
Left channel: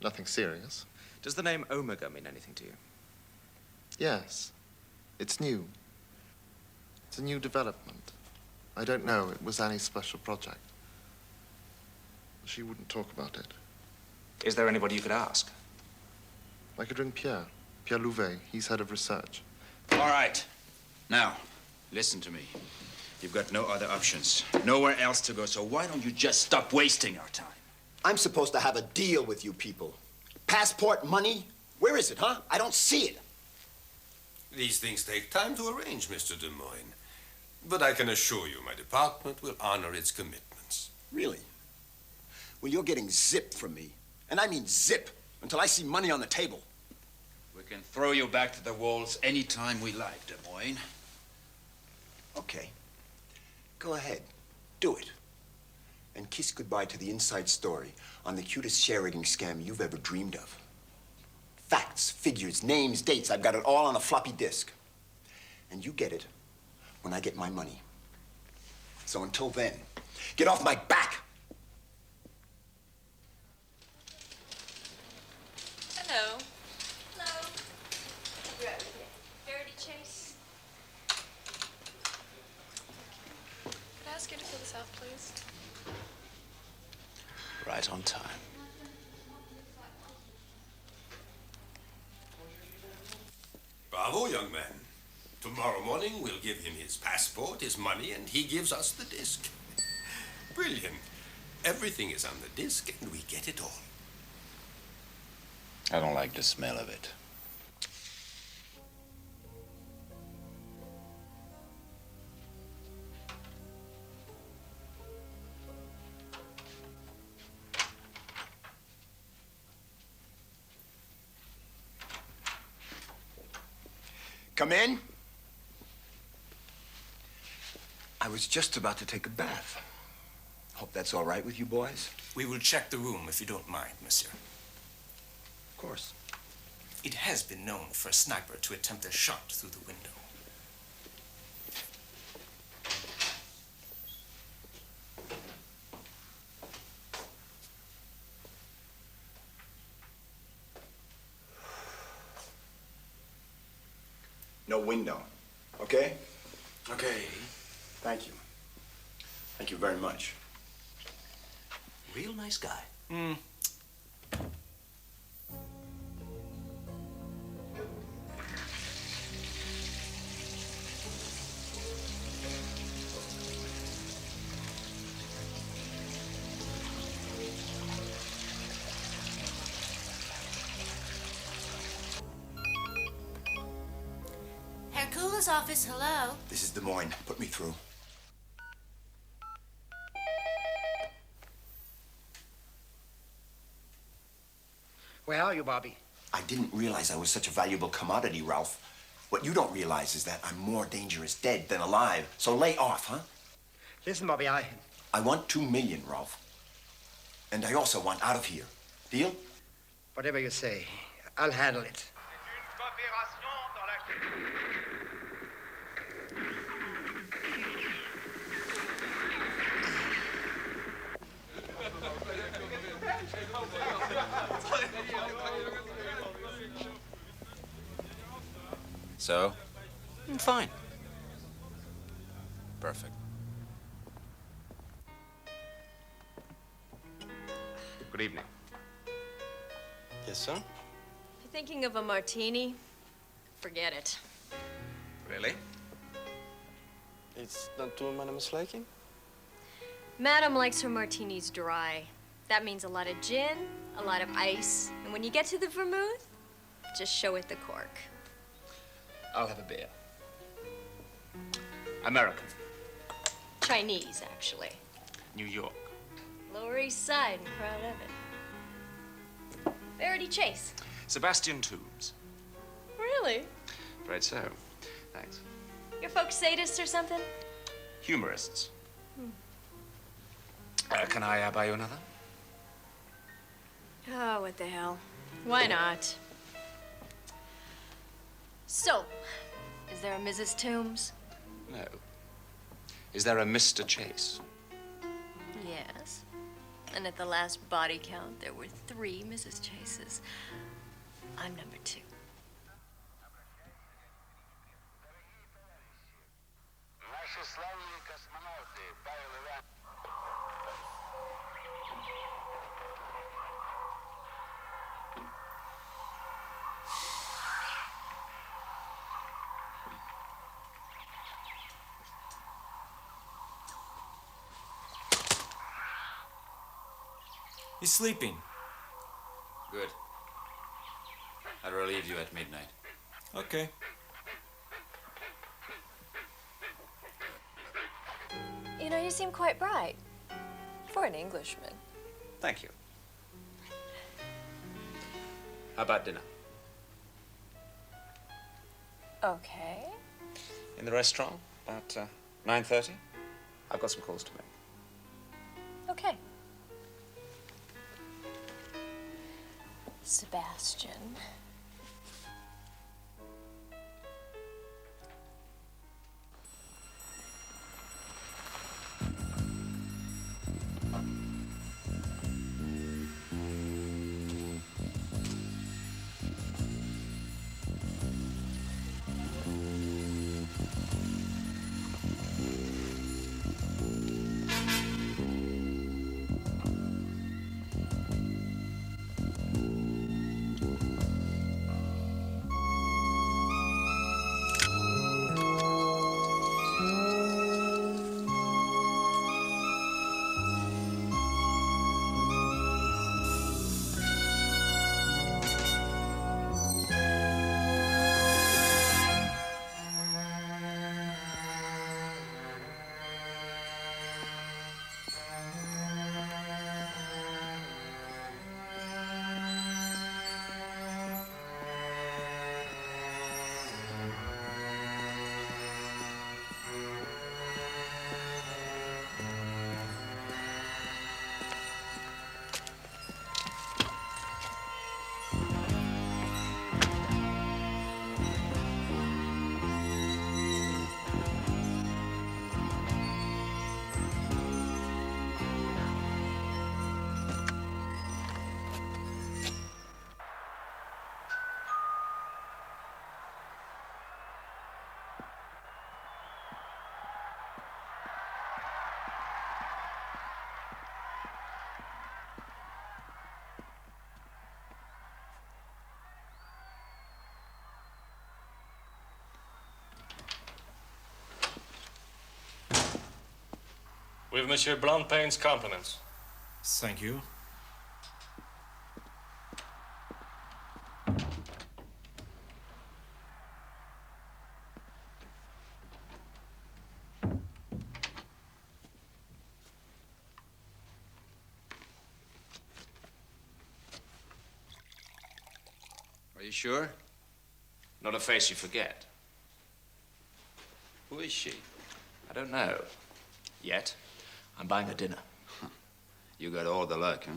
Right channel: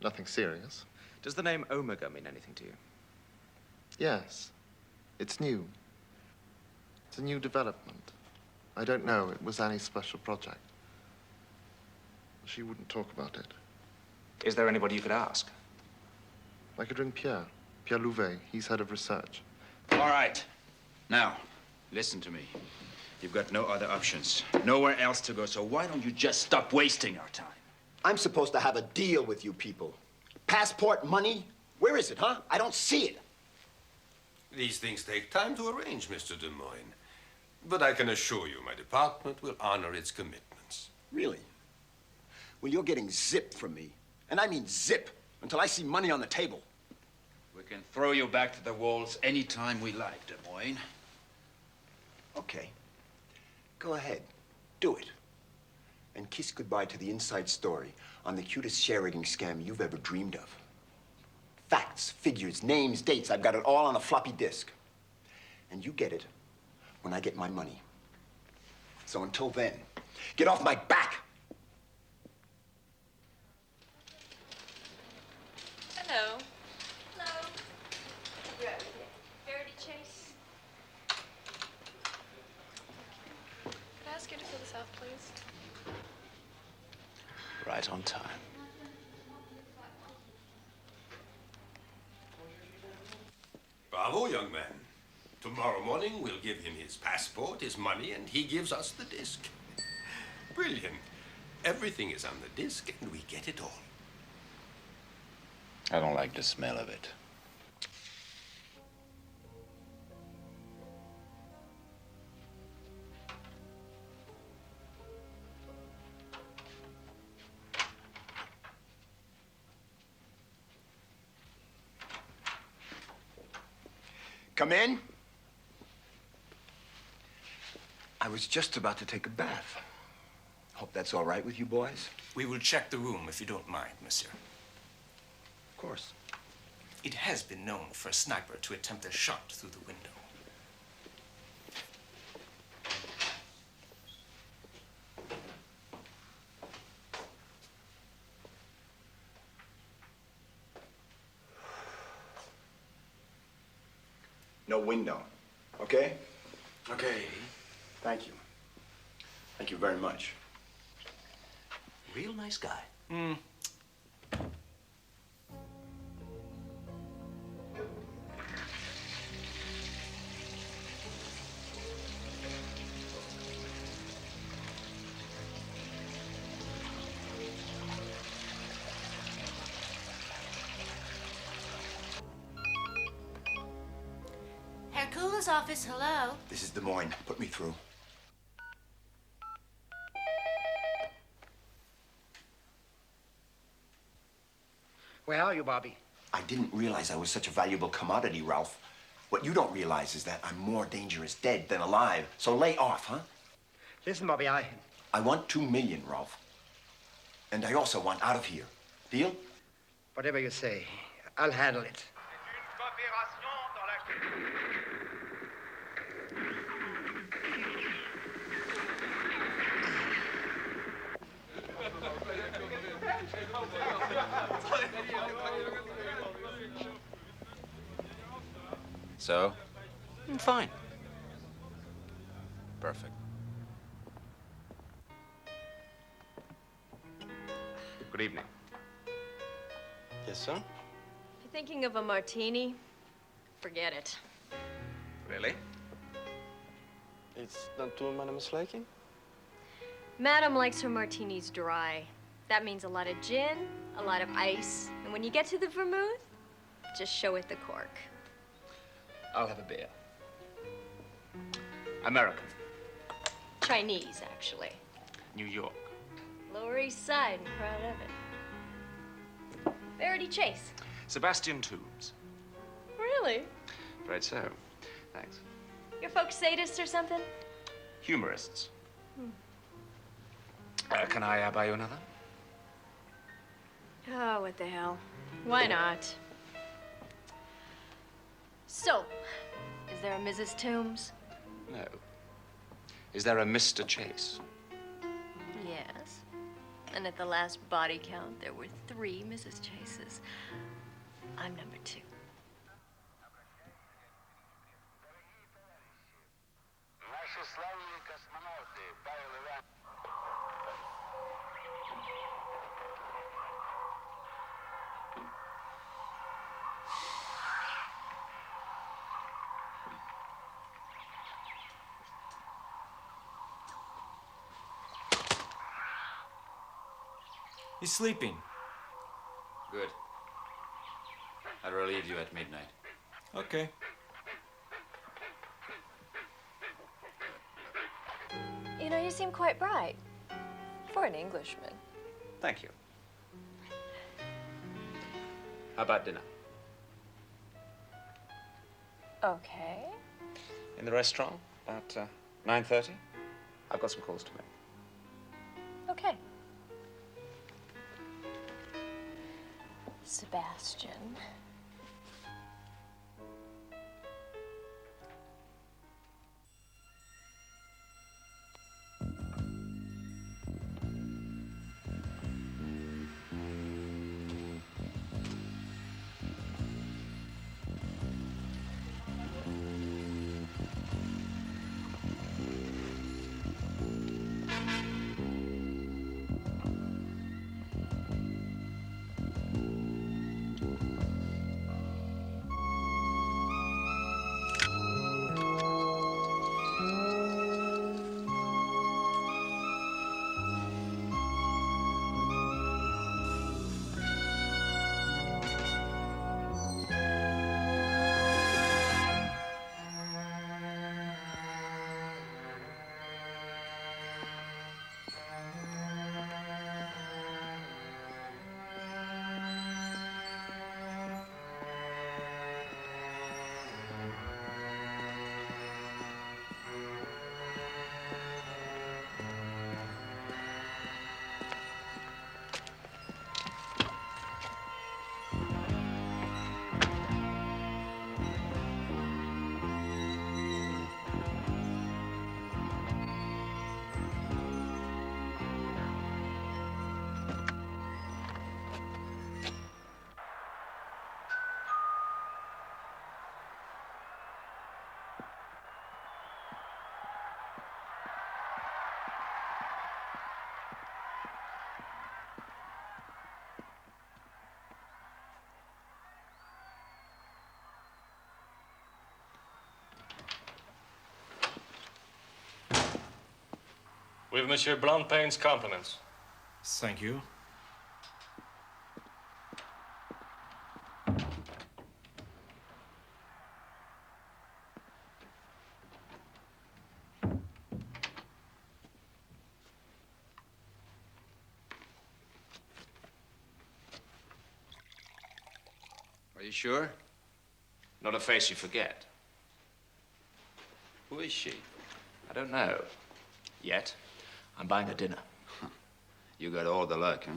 Nothing serious. Does the name Omega mean anything to you? Yes. It's new. It's a new development. I don't know. It was Annie's special project. She wouldn't talk about it. Is there anybody you could ask? I could ring Pierre. Pierre Louvet. He's head of research. All right. Now, listen to me. You've got no other options. Nowhere else to go, so why don't you just stop wasting our time? I'm supposed to have a deal with you people. Passport, money? Where is it, huh? I don't see it. These things take time to arrange, Mr. Demoyne. But I can assure you my department will honor its commitments. Really? Well, you're getting zip from me. And I mean zip, until I see money on the table. We can throw you back to the walls anytime we like, Demoyne. Okay. Go ahead. Do it. And kiss goodbye to the inside story on the cutest share-rigging scam you've ever dreamed of. Facts, figures, names, dates. I've got it all on a floppy disk. And you get it when I get my money. So until then, get off my back! Hello. Hello. Verity Chase. Could I ask you to fill this out, please? Right on time. Bravo, young man. Tomorrow morning, we'll give him his passport, his money, and he gives us the disc. Brilliant. Everything is on the disc, and we get it all. I don't like the smell of it. Come in. I was just about to take a bath. Hope that's all right with you boys? We will check the room if you don't mind, monsieur. Of course. It has been known for a sniper to attempt a shot through the window. No window, okay? Okay. Thank you. Thank you very much. Real nice guy. Hercules' office, hello. This is Demoyne. Put me through. Where are you, Bobby? I didn't realize I was such a valuable commodity, Ralph. What you don't realize is that I'm more dangerous dead than alive. So lay off, huh? Listen, Bobby, I want $2 million, Ralph. And I also want out of here. Deal? Whatever you say, I'll handle it. So? I'm fine. Perfect. Good evening. Yes, sir? If you're thinking of a martini, forget it. Really? It's not too, Madam Slaking? Madam likes her martinis dry. That means a lot of gin, a lot of ice, and when you get to the vermouth, just show it the cork. I'll have a beer. American. Chinese, actually. New York. Lower East Side, and proud of it. Verity Chase. Sebastian Tombs. Really? Right so. Thanks. Your folks sadists or something? Humorists. Can I buy you another? Oh, what the hell. Why not? So, is there a Mrs. Tombs? No. Is there a Mr. Chase? Yes. And at the last body count, there were 3 Mrs. Chases. I'm number 2. He's sleeping. Good. I'll relieve you at midnight. Okay. You know, you seem quite bright. For an Englishman. Thank you. How about dinner? Okay. In the restaurant, about 9:30? I've got some calls to make. Okay. Sebastian. With Monsieur Blancpain's compliments. Thank you. Are you sure? Not a face you forget. Who is she? I don't know. Yet. I'm buying her dinner. You got all the luck, huh?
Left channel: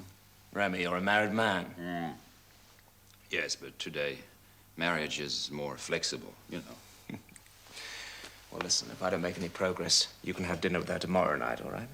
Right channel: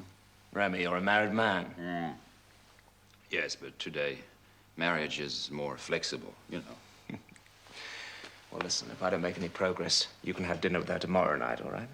Remy, you're a married man. Yes, but today, marriage is more flexible, you know. Well, listen, if I don't make any progress, you can have dinner with her tomorrow night, all right?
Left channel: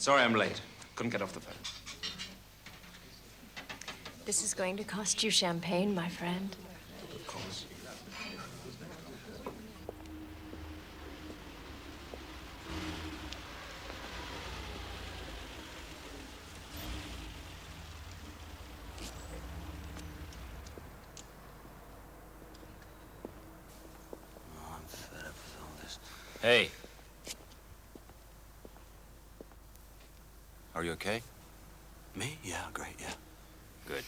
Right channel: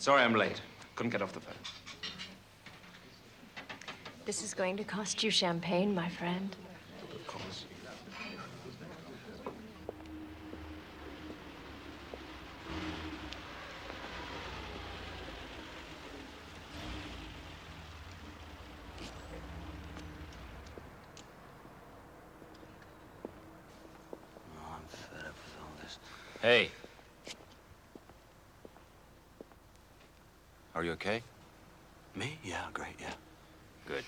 Sorry I'm late. Couldn't get off the phone. This is going to cost you champagne, my friend. Of course. Hey. Are you okay? Me? Yeah, great, yeah. Good.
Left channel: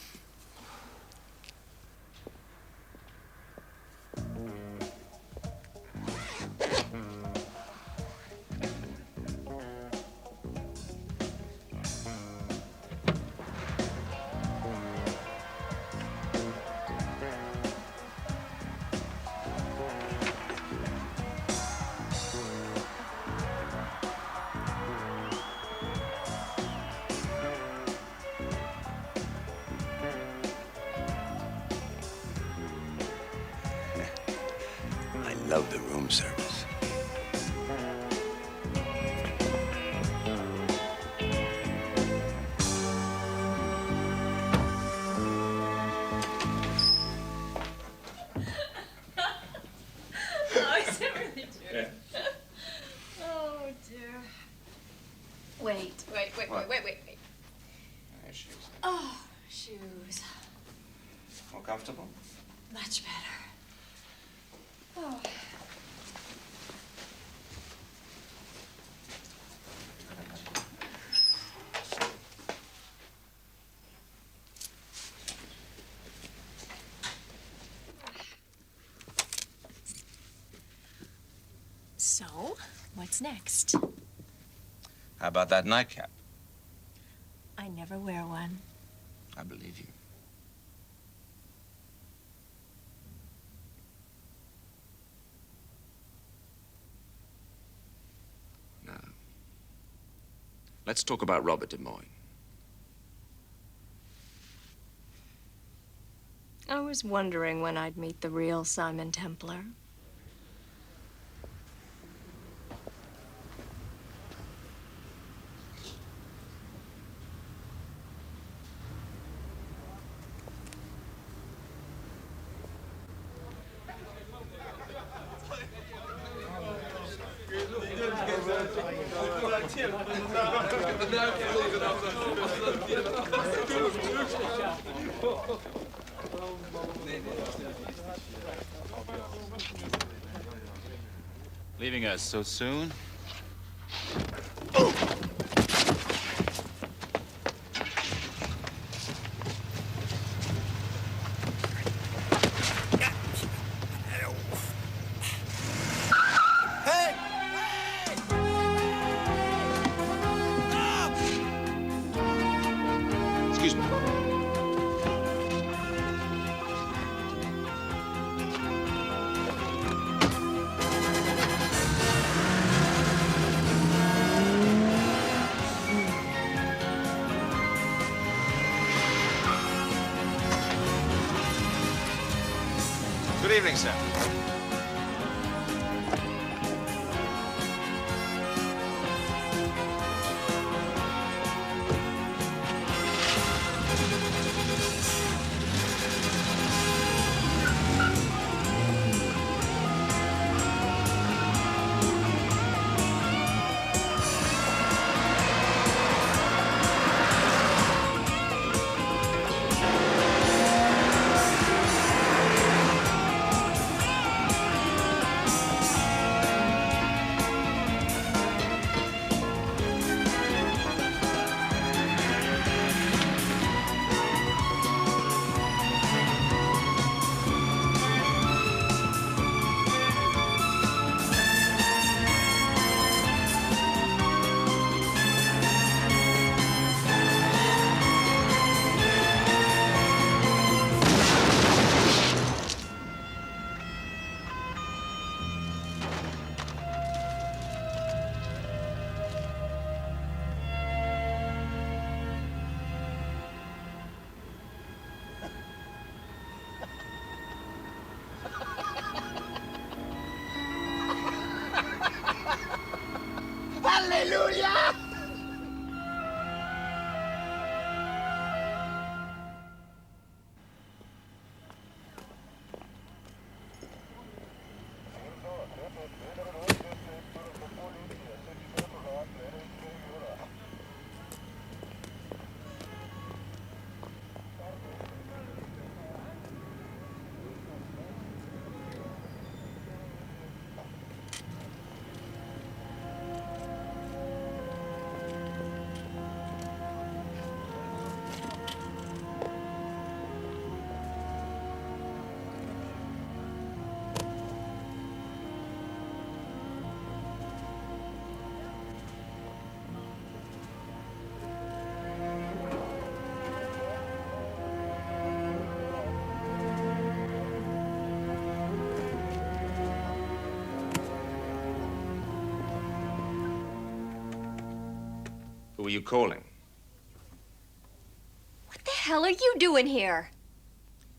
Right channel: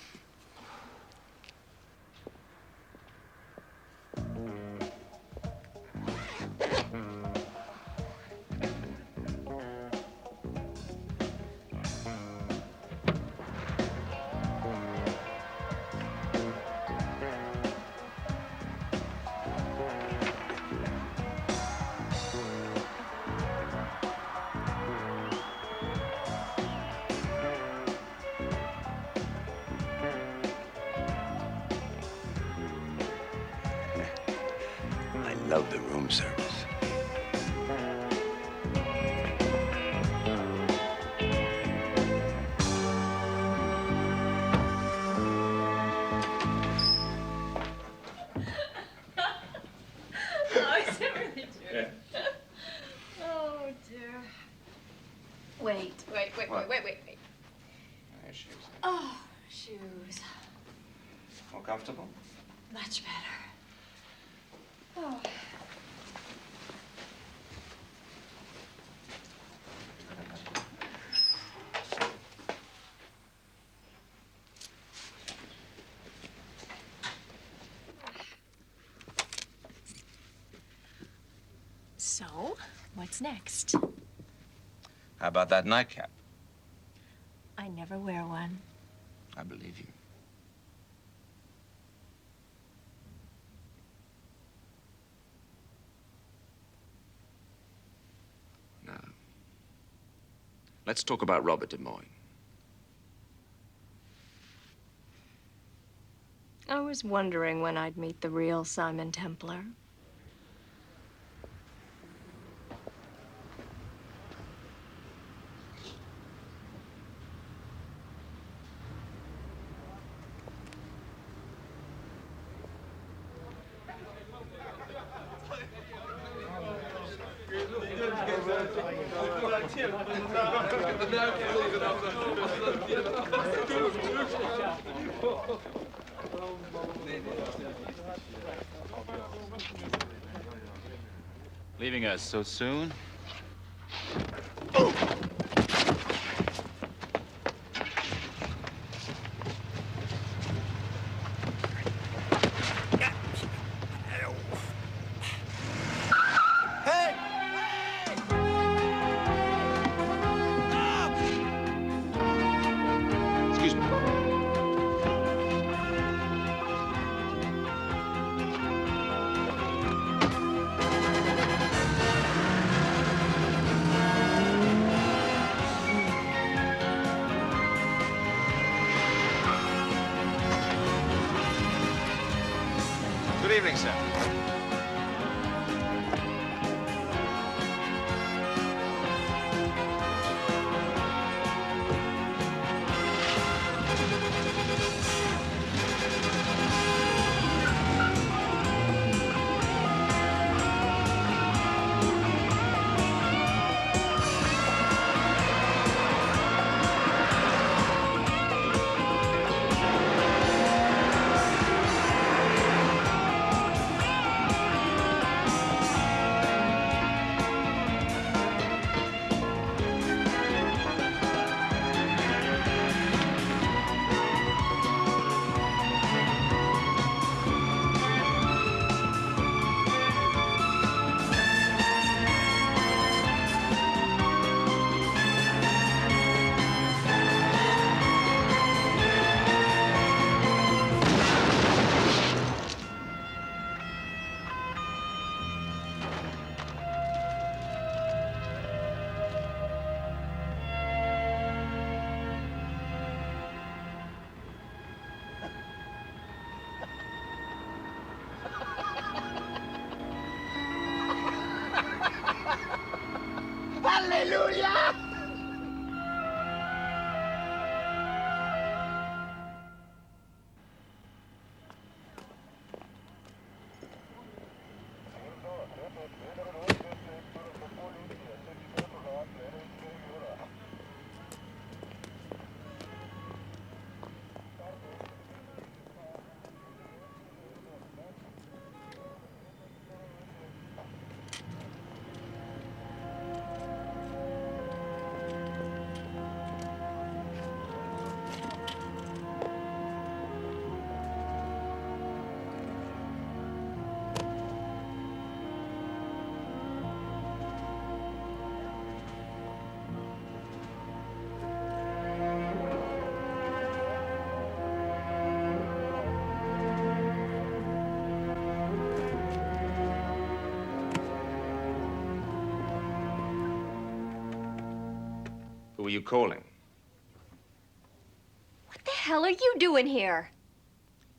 I love the room service. Oh, is it really true? Oh, dear. Wait. What? Wait. There's shoes. Oh, shoes. More comfortable? Much better. Oh. So, what's next? How about that nightcap? I never wear one. I believe you. Now, let's talk about Robert Demoyne. I was wondering when I'd meet the real Simon Templar. Leaving us so soon? Excuse me. Good evening, sir. Hallelujah! Who are you calling? What the hell are you doing here?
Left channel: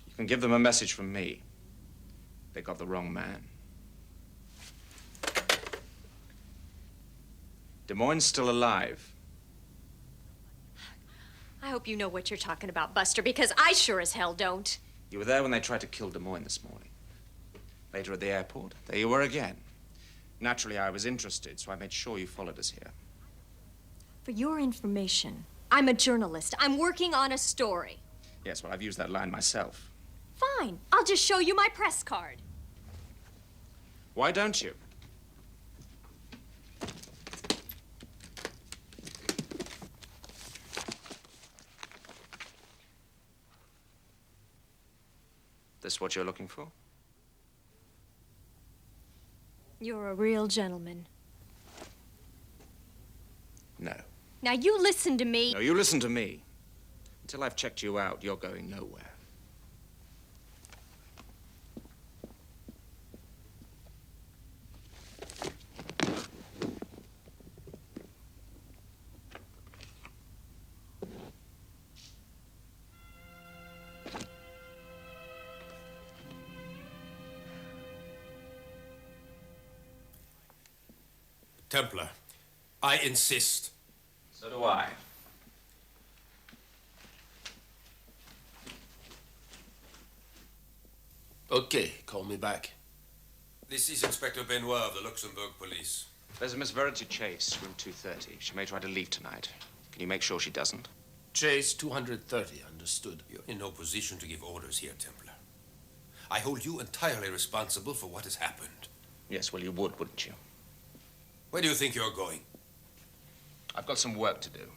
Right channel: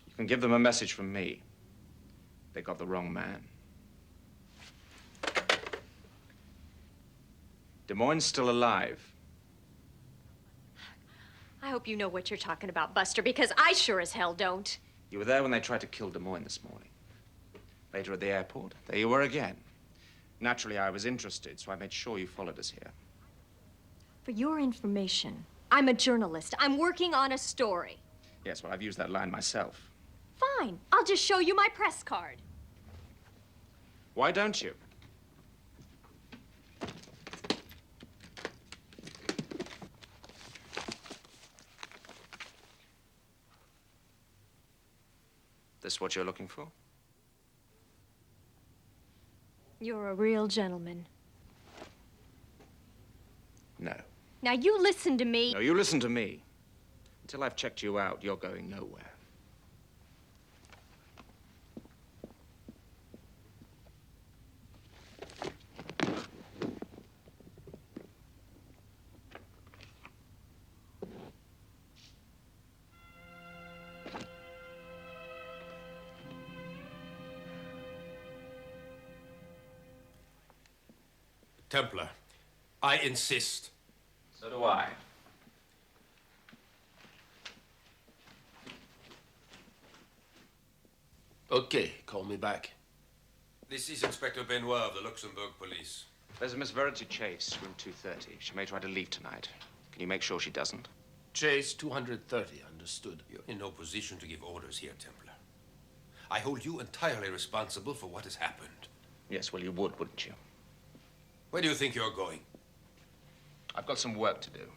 You can give them a message from me. They got the wrong man. Demoyne's still alive. I hope you know what you're talking about, Buster, because I sure as hell don't. You were there when they tried to kill Demoyne this morning. Later at the airport, there you were again. Naturally, I was interested, so I made sure you followed us here. For your information, I'm a journalist. I'm working on a story. Yes, well, I've used that line myself. Fine. I'll just show you my press card. Why don't you? This what you're looking for? You're a real gentleman. No. Now you listen to me. No, you listen to me. Until I've checked you out, you're going nowhere. Templar, I insist. So do I. Okay, call me back. This is Inspector Benoit of the Luxembourg Police. There's a Miss Verity Chase, room 230. She may try to leave tonight. Can you make sure she doesn't? Chase 230, understood. You're in no position to give orders here, Templar. I hold you entirely responsible for what has happened. Yes, well, you would, wouldn't you? Where do you think you're going? I've got some work to do.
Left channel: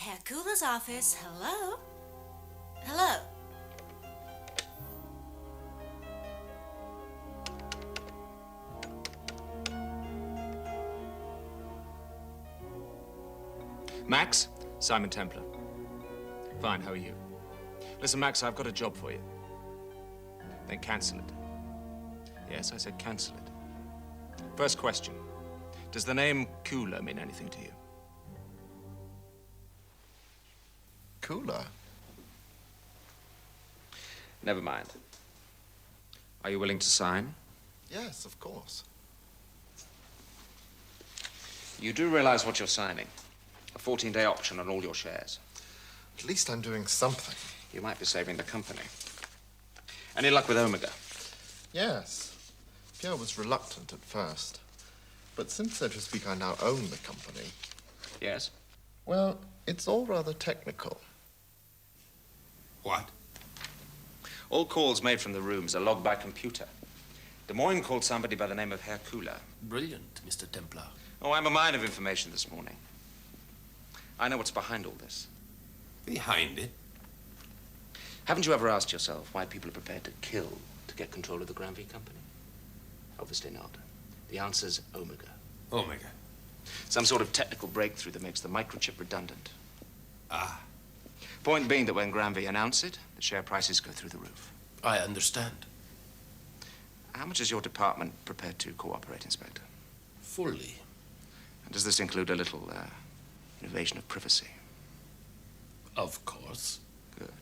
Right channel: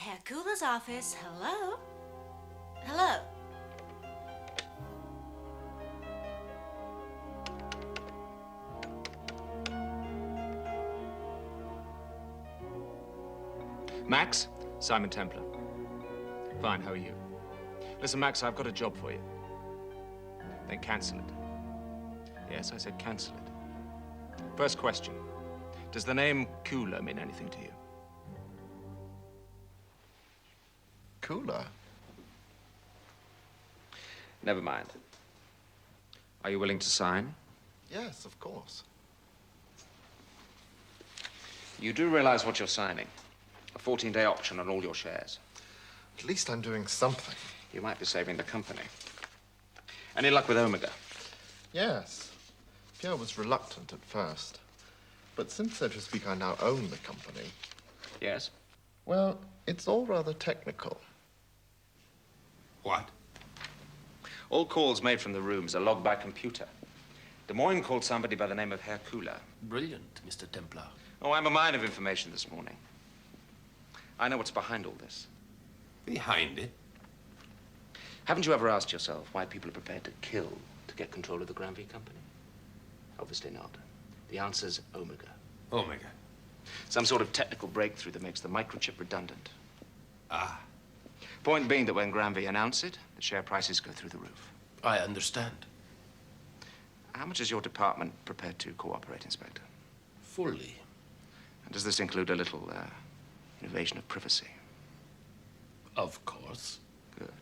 Hercule's office. Hello? Hello? Max? Simon Templar. Fine, how are you? Listen, Max, I've got a job for you. Then cancel it. Yes, I said cancel it. First question. Does the name Cooler mean anything to you? Cooler? Never mind. Are you willing to sign? Yes, of course. You do realize what you're signing. A 14-day option on all your shares. At least I'm doing something. You might be saving the company. Any luck with Omega? Yes. Pierre was reluctant at first. But since, so to speak, I now own the company... Yes? Well, it's all rather technical. What? All calls made from the rooms are logged by computer. Demoyne called somebody by the name of Hercule. Brilliant, Mr. Templar. Oh, I'm a mine of information this morning. I know what's behind all this. Behind it? Haven't you ever asked yourself why people are prepared to kill to get control of the Granby company? Obviously not. The answer's Omega. Omega? Some sort of technical breakthrough that makes the microchip redundant. Ah. Point being that when Granby announce it, the share prices go through the roof. I understand. How much is your department prepared to cooperate, Inspector? Fully. And does this include a little, invasion of privacy? Of course. Good.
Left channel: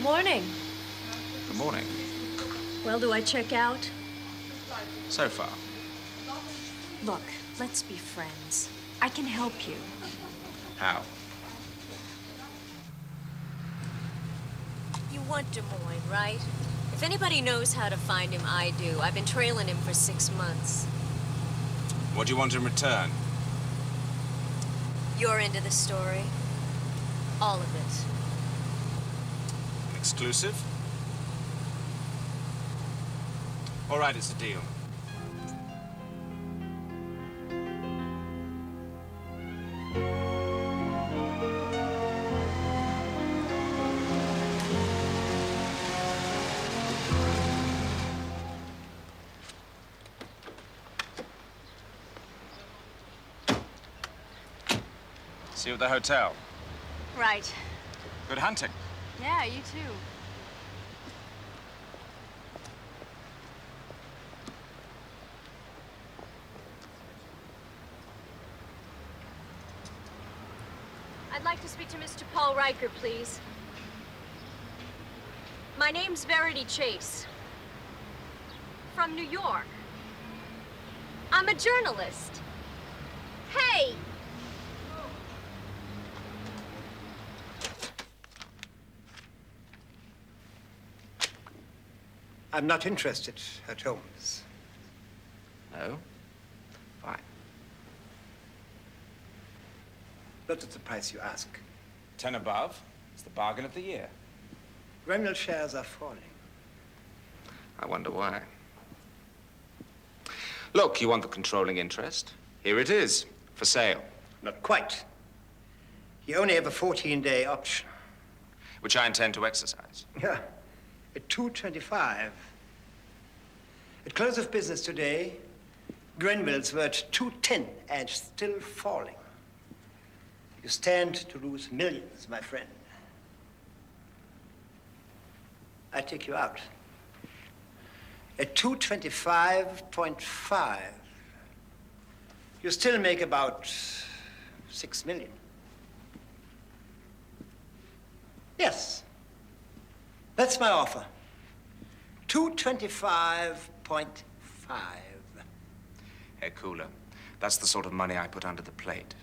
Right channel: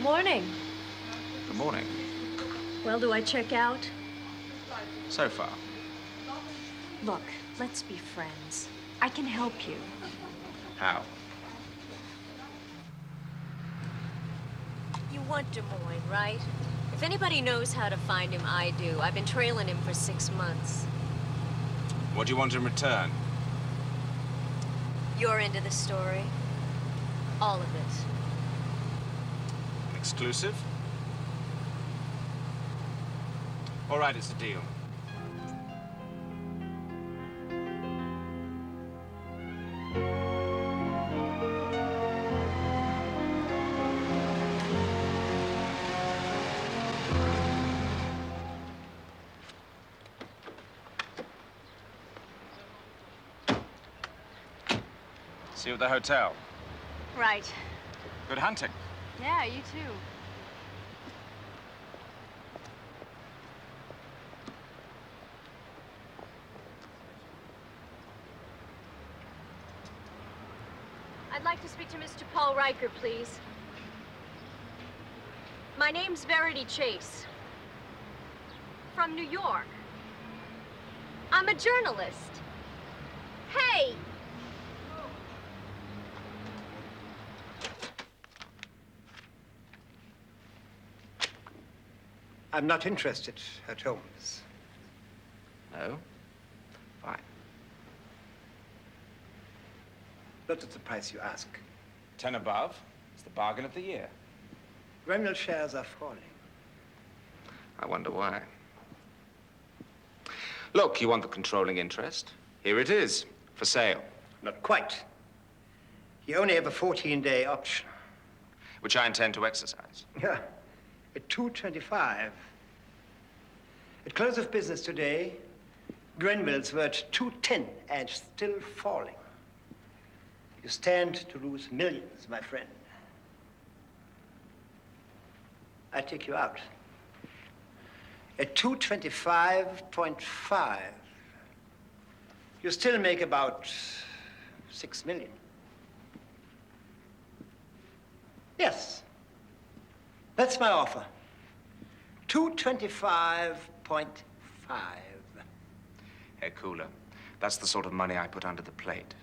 Morning. Good morning. Well, do I check out? So far. Look, let's be friends. I can help you. How? You want Demoyne, right? If anybody knows how to find him, I do. I've been trailing him for 6 months. What do you want in return? You're into the story. All of it. An exclusive? All right, it's a deal. See you at the hotel. Right. Good hunting. Yeah, you too. I'd like to speak to Mr. Paul Riker, please. My name's Verity Chase. From New York. I'm a journalist. Hey! I'm not interested at Holmes. No? Fine. Not at the price you ask. 10 above. It's the bargain of the year. Grenville shares are falling. I wonder why. Look, you want the controlling interest? Here it is, for sale. Not quite. You only have a 14-day option. Which I intend to exercise. Yeah, at 225. At close of business today, Grenville's were at 210 and still falling. You stand to lose millions, my friend. I take you out. At 225.5, you still make about 6 million. Yes. That's my offer. 225.5. Herr Cooler, that's the sort of money I put under the plate.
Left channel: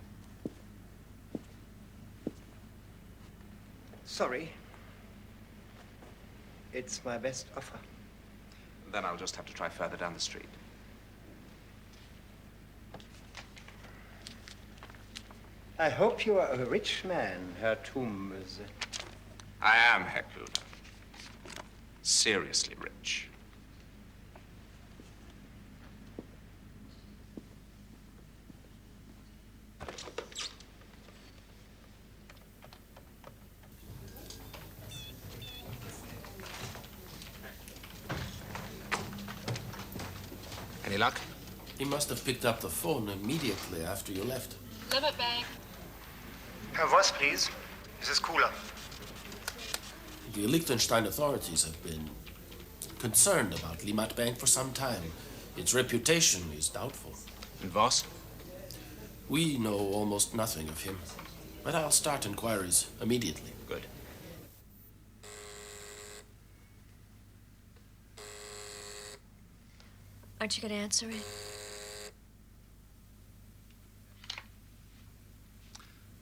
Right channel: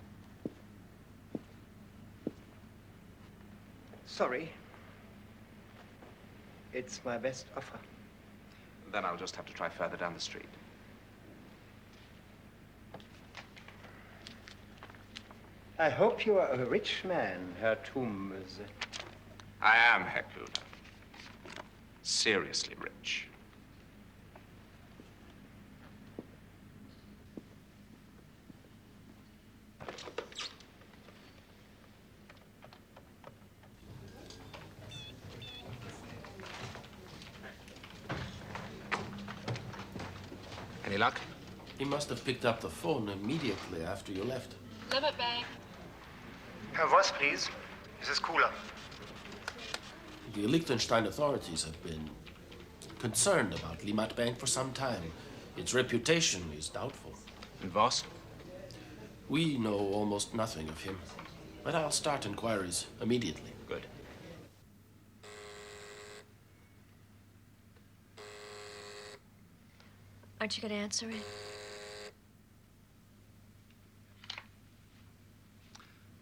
Sorry. It's my best offer. Then I'll just have to try further down the street. I hope you are a rich man, Herr Toombs. I am, Herr Cooler. Seriously rich. Any luck? He must have picked up the phone immediately after you left. Limit Bank. Herr Voss, please. This is Cooler. The Liechtenstein authorities have been concerned about Limit Bank for some time. Its reputation is doubtful. And Voss? We know almost nothing of him, but I'll start inquiries immediately. Good. Aren't you going to answer it?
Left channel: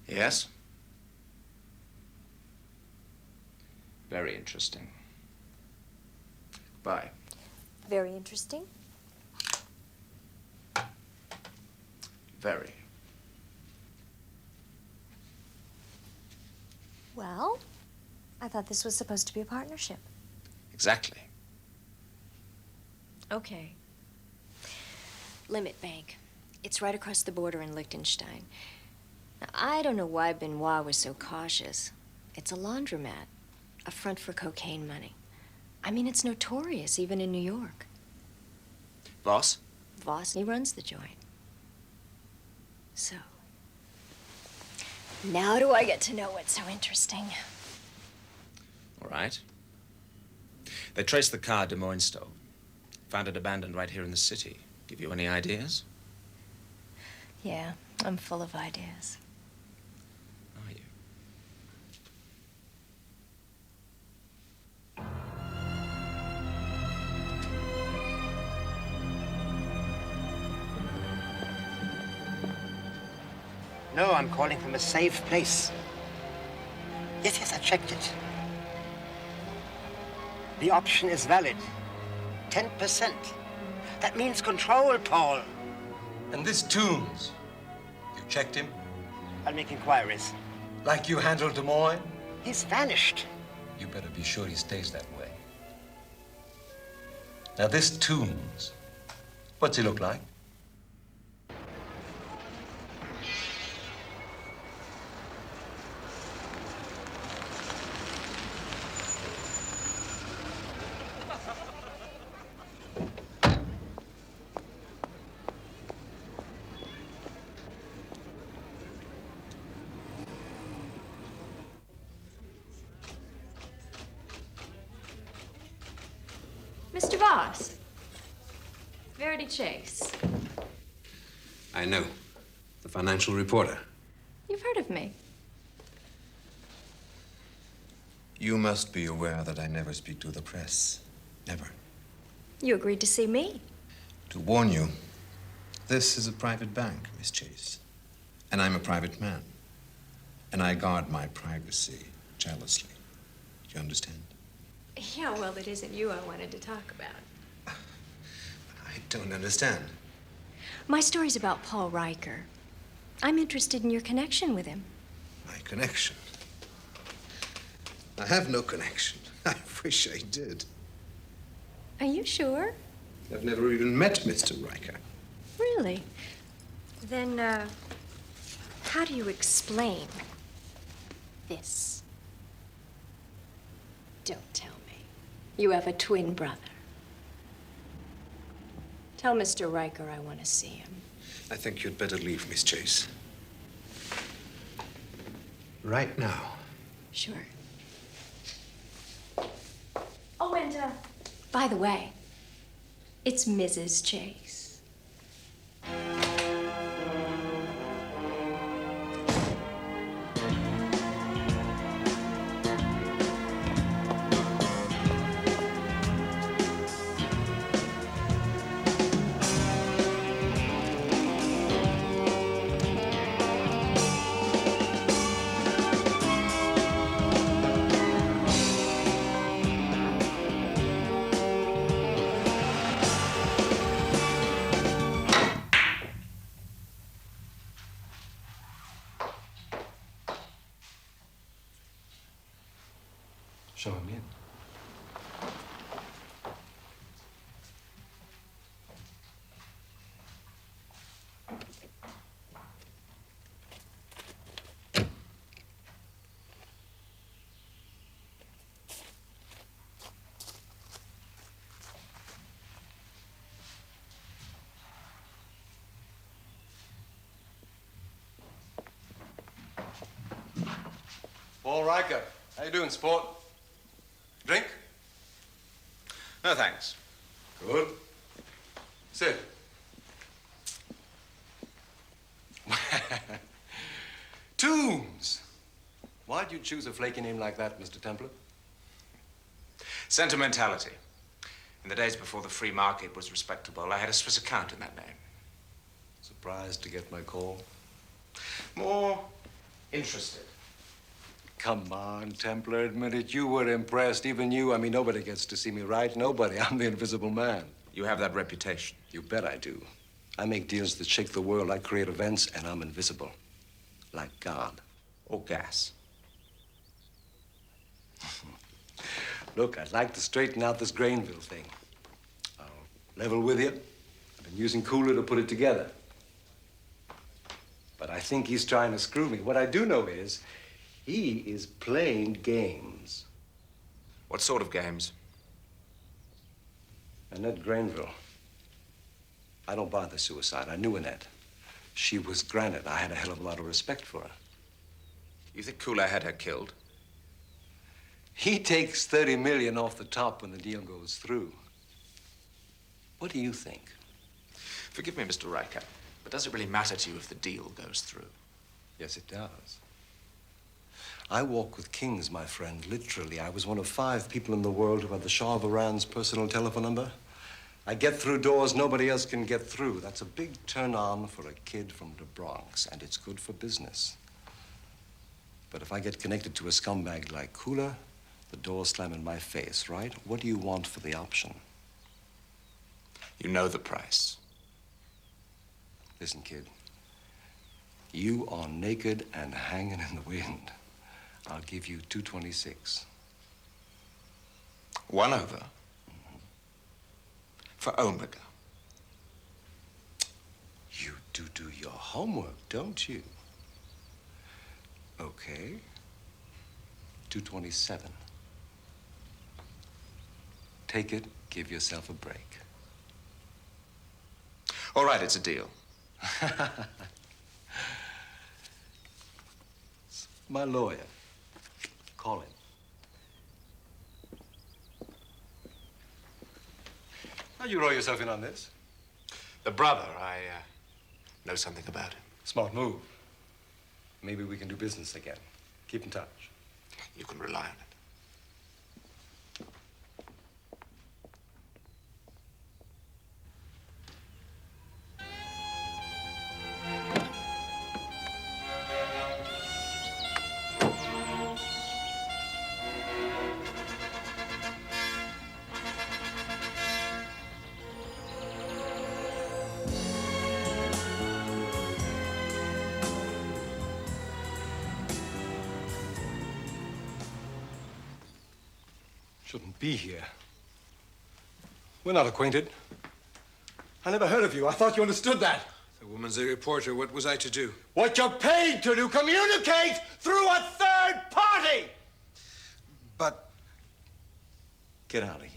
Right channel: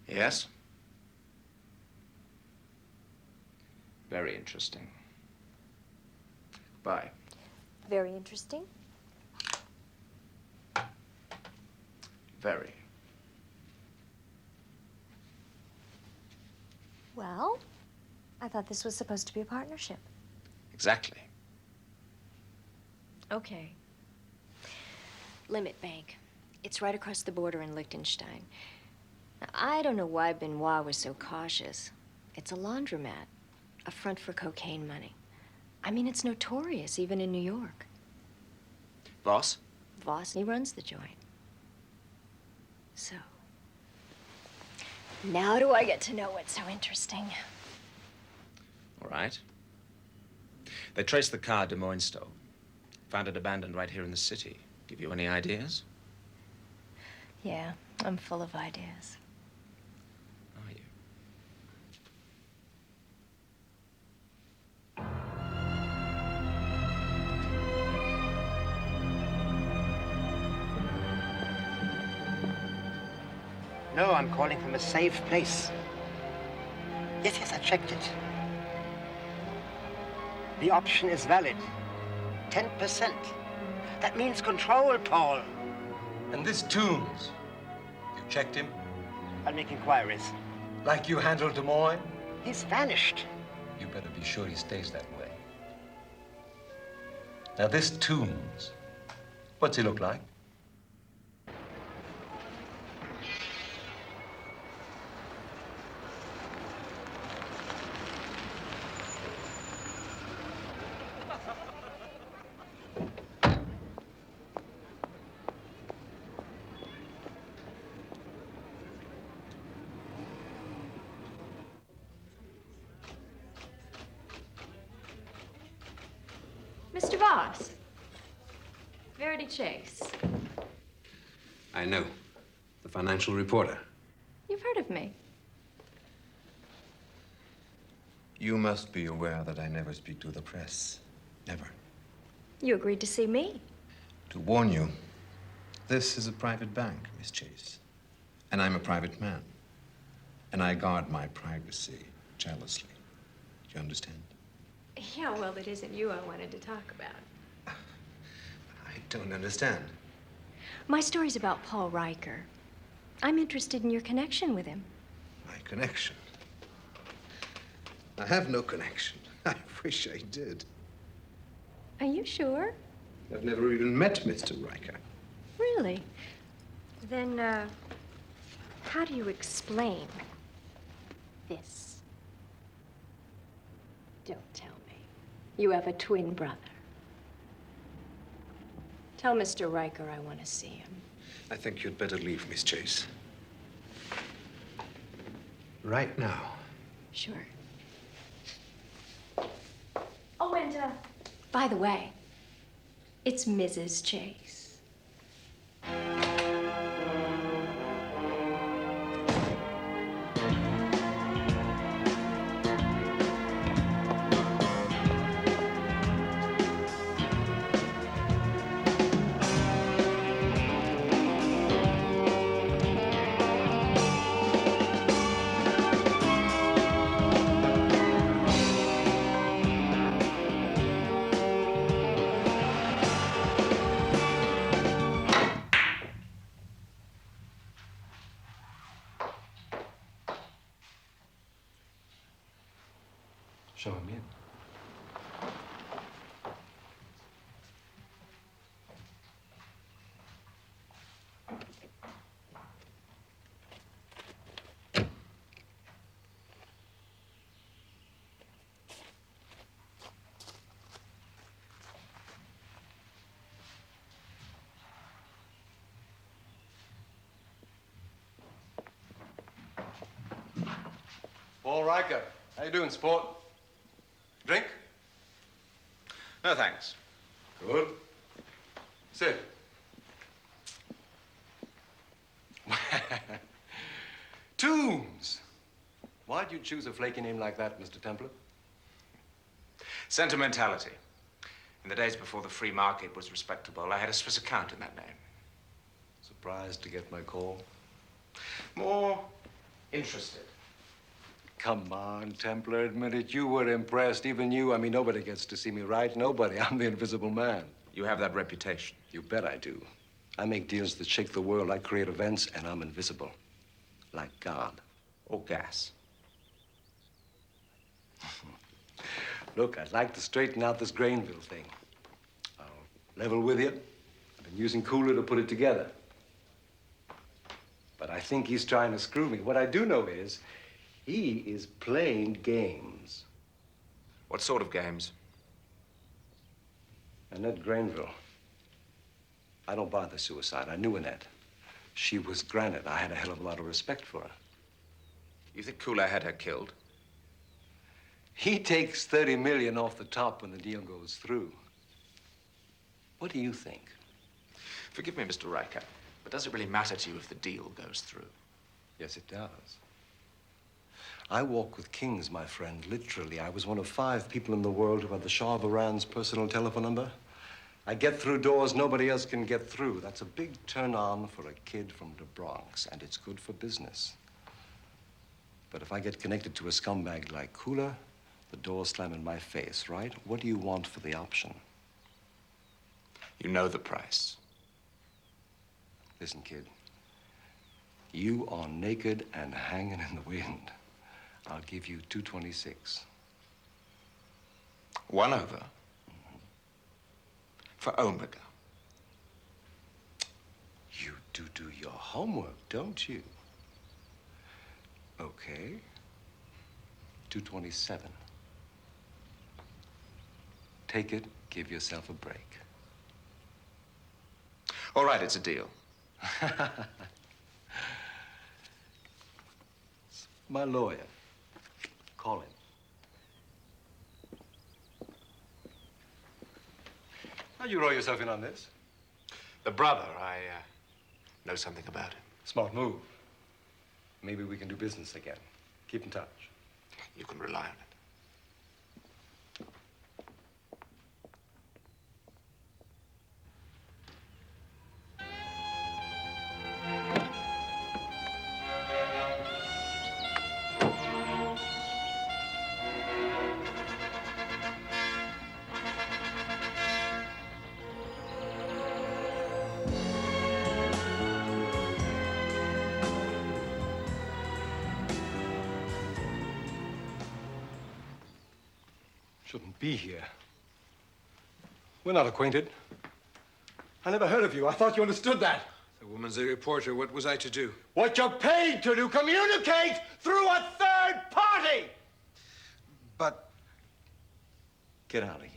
Yes? Very interesting. Bye. Very interesting. Very. Well, I thought this was supposed to be a partnership. Exactly. Okay. Limit Bank. It's right across the border in Liechtenstein. Now, I don't know why Benoit was so cautious. It's a laundromat, a front for cocaine money. I mean, it's notorious, even in New York. Voss? Voss, he runs the joint. So, now do I get to know what's so interesting? All right. They traced the car Demoyne stole. Found it abandoned right here in the city. Give you any ideas? Yeah, I'm full of ideas. Are you? No, I'm calling from a safe place. Yes, yes, I checked it. The option is valid. 10%. That means control, Paul. And this Toombs, you checked him? I'll make inquiries. Like you handled Demoyne? He's vanished. You better be sure he stays that way. Now, this Toombs, what's he look like? boss. Verity Chase. I know. The financial reporter. You've heard of me. You must be aware that I never speak to the press. Never. You agreed to see me. To warn you, this is a private bank, Miss Chase. And I'm a private man. And I guard my privacy jealously. You understand? Yeah, well, it isn't you I wanted to talk about. I don't understand. My story's about Paul Riker. I'm interested in your connection with him. My connection? I have no connection. I wish I did. Are you sure? I've never even met Mr. Riker. Really? Then, how do you explain this? Don't tell me. You have a twin brother. Tell Mr. Riker I want to see him. I think you'd better leave, Miss Chase. Right now. Sure. Oh, and, by the way, it's Mrs. Chase. Show him in. Paul Riker, how you doing, sport? Drink? No, thanks. Good. Sit. Tombs! Why'd you choose a flaky name like that, Mr. Templar? Sentimentality. In the days before the free market was respectable, I had a Swiss account in that name. Surprised to get my call? More interested. Come on, Templar, admit it. You were impressed. Even you. I mean, nobody gets to see me, right? Nobody. I'm the invisible man. You have that reputation. You bet I do. I make deals that shake the world. I create events, and I'm invisible. Like God. Or gas. Look, I'd like to straighten out this Grainville thing. I'll level with you. I've been using Cooler to put it together. But I think he's trying to screw me. What I do know is he is playing games. What sort of games? Annette Grainville. I don't bother suicide. I knew Annette. She was granite. I had a hell of a lot of respect for her. You think Cooler had her killed? He takes 30 million off the top when the deal goes through. What do you think? Forgive me, Mr. Riker, but does it really matter to you if the deal goes through? Yes, it does. I walk with kings, my friend, literally. I was one of 5 people in the world who had the Shah of Iran's personal telephone number. I get through doors nobody else can get through. That's a big turn-on for a kid from the Bronx, and it's good for business. But if I get connected to a scumbag like Cooler, the doors slam in my face, right? What do you want for the option? You know the price. Listen, kid. You are naked and hanging in the wind. I'll give you 226. 1 over. For Omega. You do your homework, don't you? Okay. 227. Take it, give yourself a break. All right, it's a deal. My lawyer. Call him. How'd you roll yourself in on this? The brother, I know something about it. Smart move. Maybe we can do business again. Keep in touch. You can rely on it. Shouldn't be here. We're not acquainted. I never heard of you. I thought you understood that. The woman's a reporter. What was I to do? What you're paid to do, communicate through a third party! But... Get out of here.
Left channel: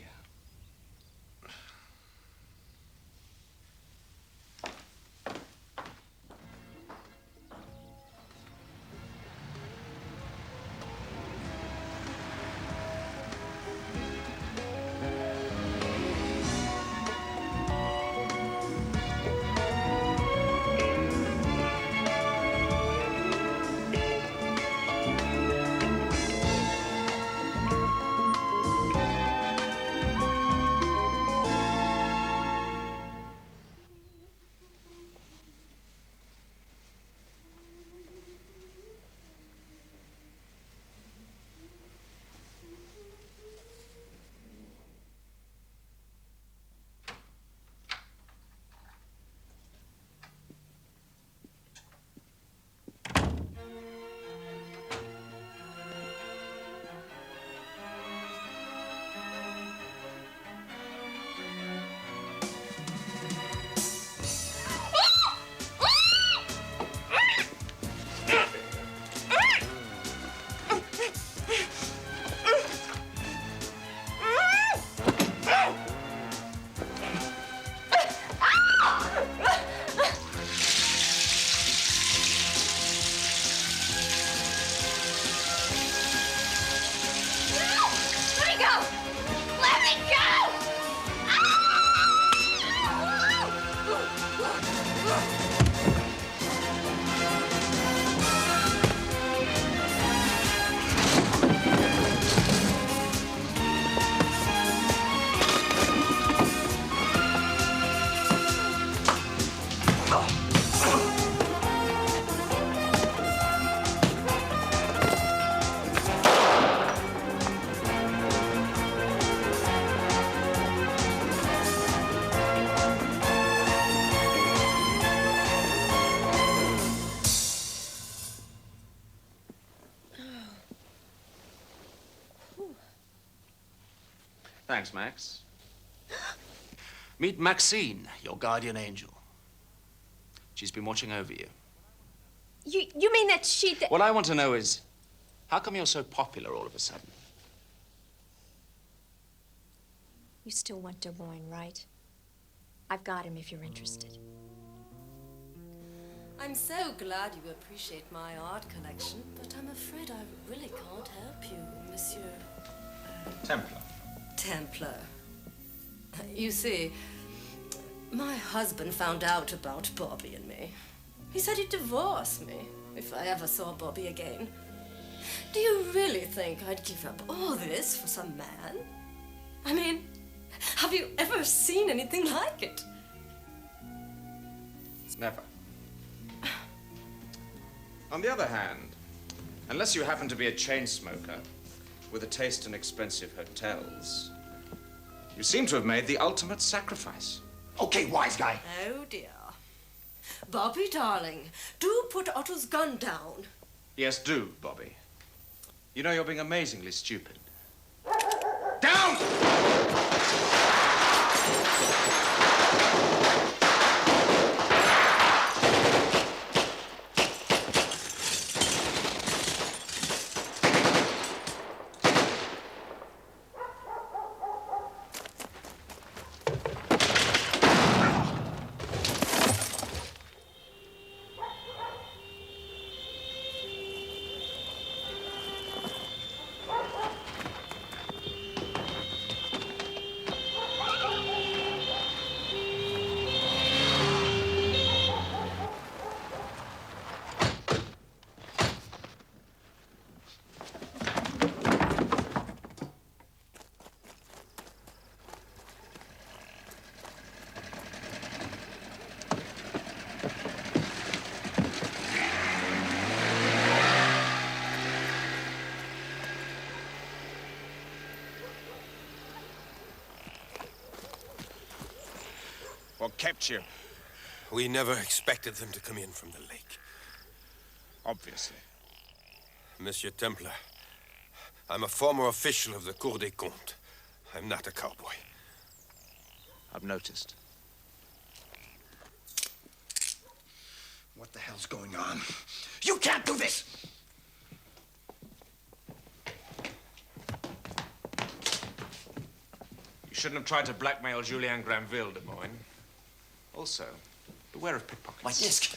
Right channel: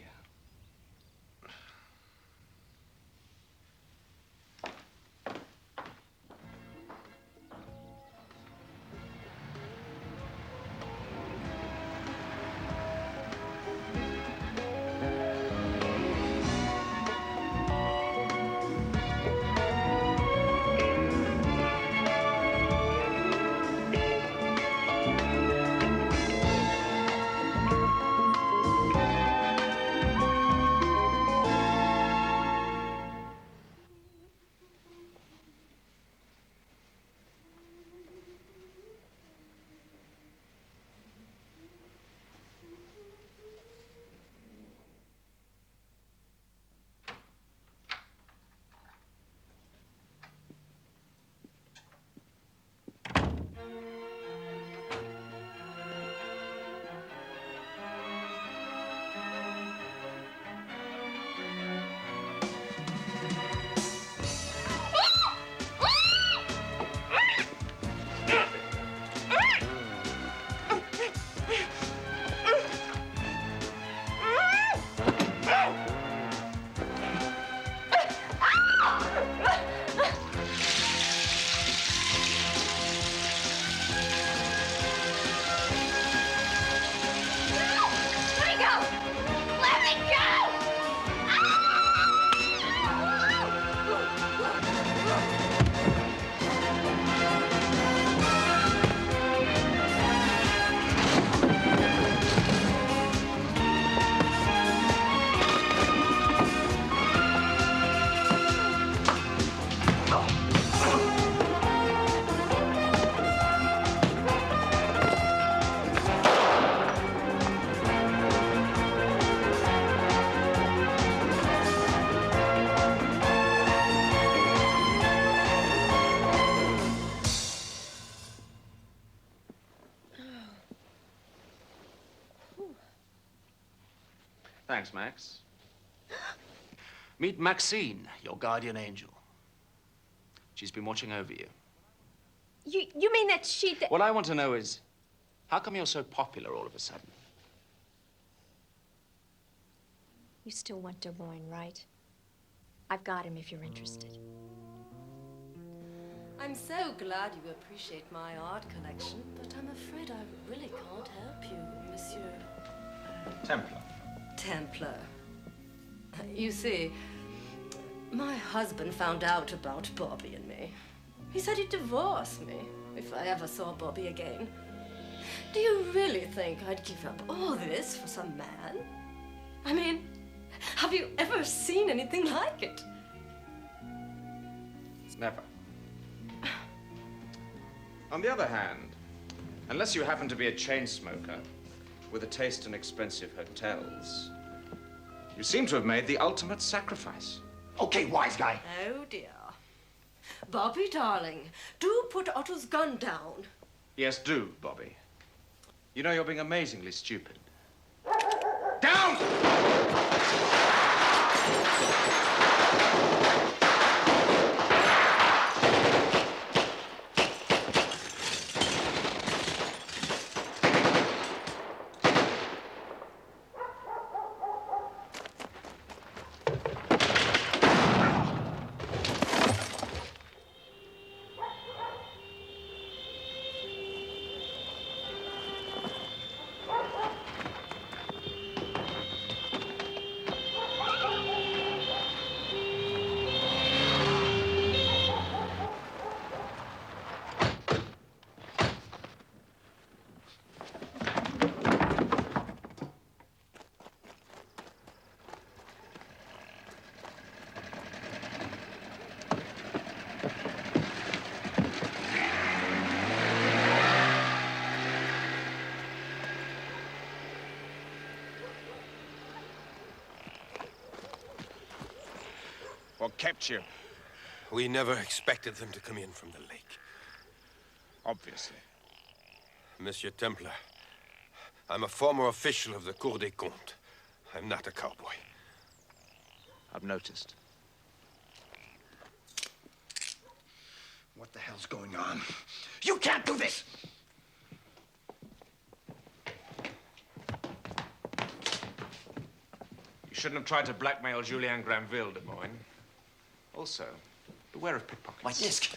Thanks, Max. Meet Maxine, your guardian angel. She's been watching over you. You mean that she... What I want to know is, how come you're so popular all of a sudden? You still want Demoyne, right? I've got him if you're interested. I'm so glad you appreciate my art collection, but I'm afraid I really can't help you, Monsieur... Templar. Templar. You see, my husband found out about Bobby and me. He said he'd divorce me if I ever saw Bobby again. Do you really think I'd give up all this for some man? I mean, have you ever seen anything like it? Never. On the other hand, unless you happen to be a chain smoker with a taste in expensive hotels, you seem to have made the ultimate sacrifice. Okay, wise guy. Oh, dear. Bobby, darling, do put Otto's gun down. Yes, do, Bobby. You know, you're being amazingly stupid. Down! What kept you? We never expected them to come in from the lake. Obviously. Monsieur Templar, I'm a former official of the Cour des Comptes. I'm not a cowboy. I've noticed. What the hell's going on? You can't do this! You shouldn't have tried to blackmail Julien Granville, Demoyne. Also, beware of pickpockets. My disc!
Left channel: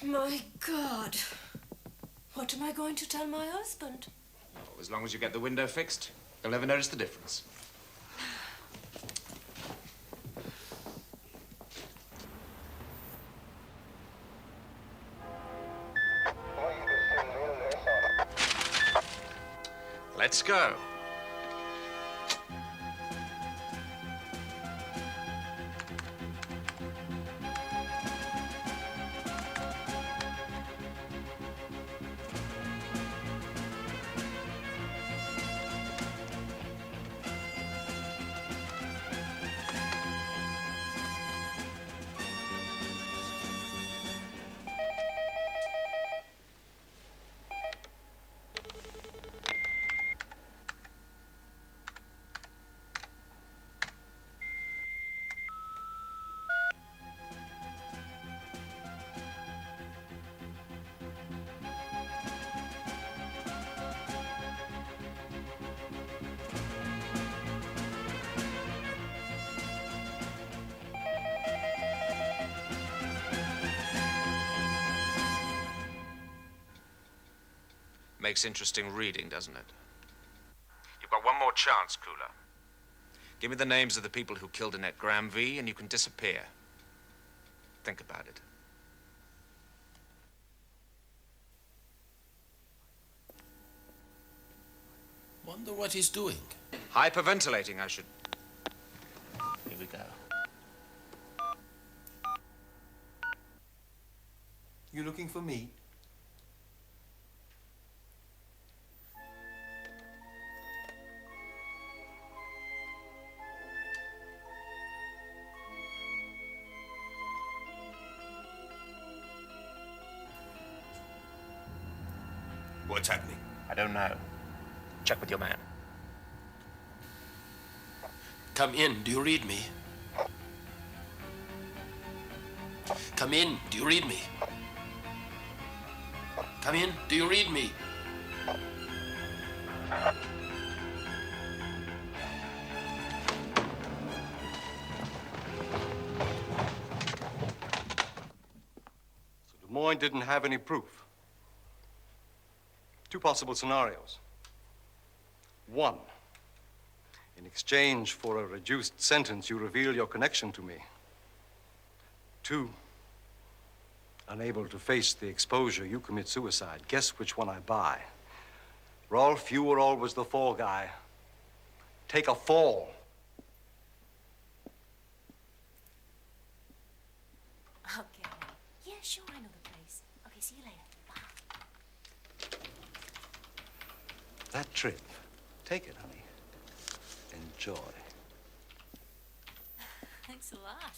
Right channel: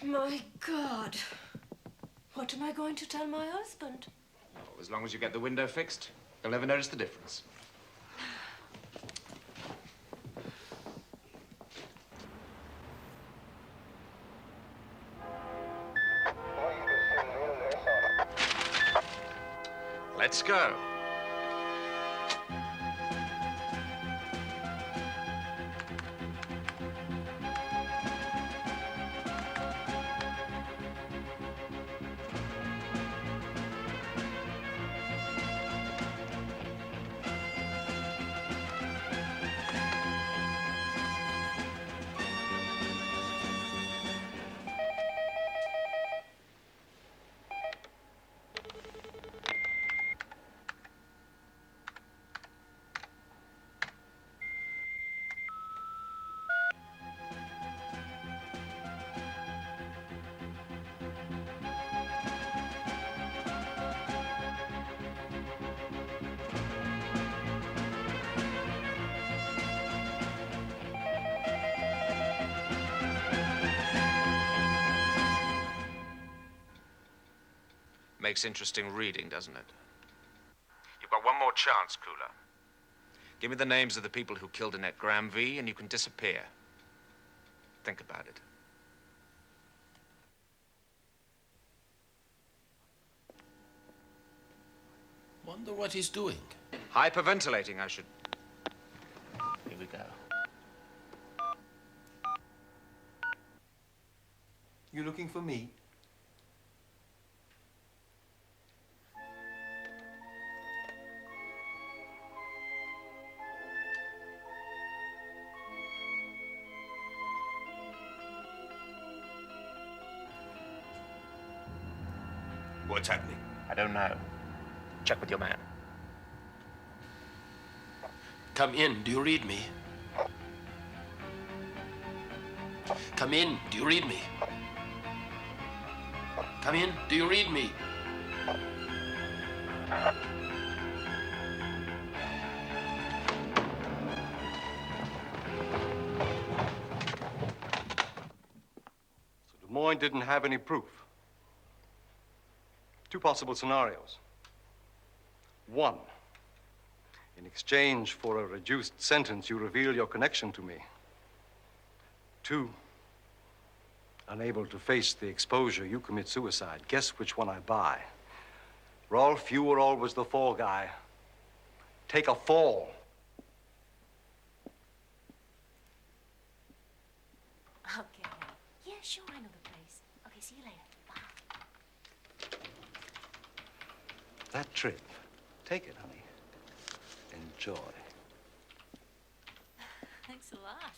My God. What am I going to tell my husband? Oh, as long as you get the window fixed, you'll never notice the difference. Let's go. Makes interesting reading, doesn't it? You've got one more chance, Cooler. Give me the names of the people who killed Annette Granville, and you can disappear. Think about it. Wonder what he's doing. Hyperventilating, I should... Here we go. You looking for me? What's happening? I don't know. Check with your man. Come in. Do you read me? Come in. Do you read me? Come in. Do you read me? So Demoyne didn't have any proof. Two possible scenarios. One, in exchange for a reduced sentence, you reveal your connection to me. Two, unable to face the exposure, you commit suicide. Guess which one I buy. Rolf, you were always the fall guy. Take a fall. Okay. Yeah, sure, I know the place. Okay, see you later. Bye. That trip, take it, honey. Enjoy. Thanks a lot.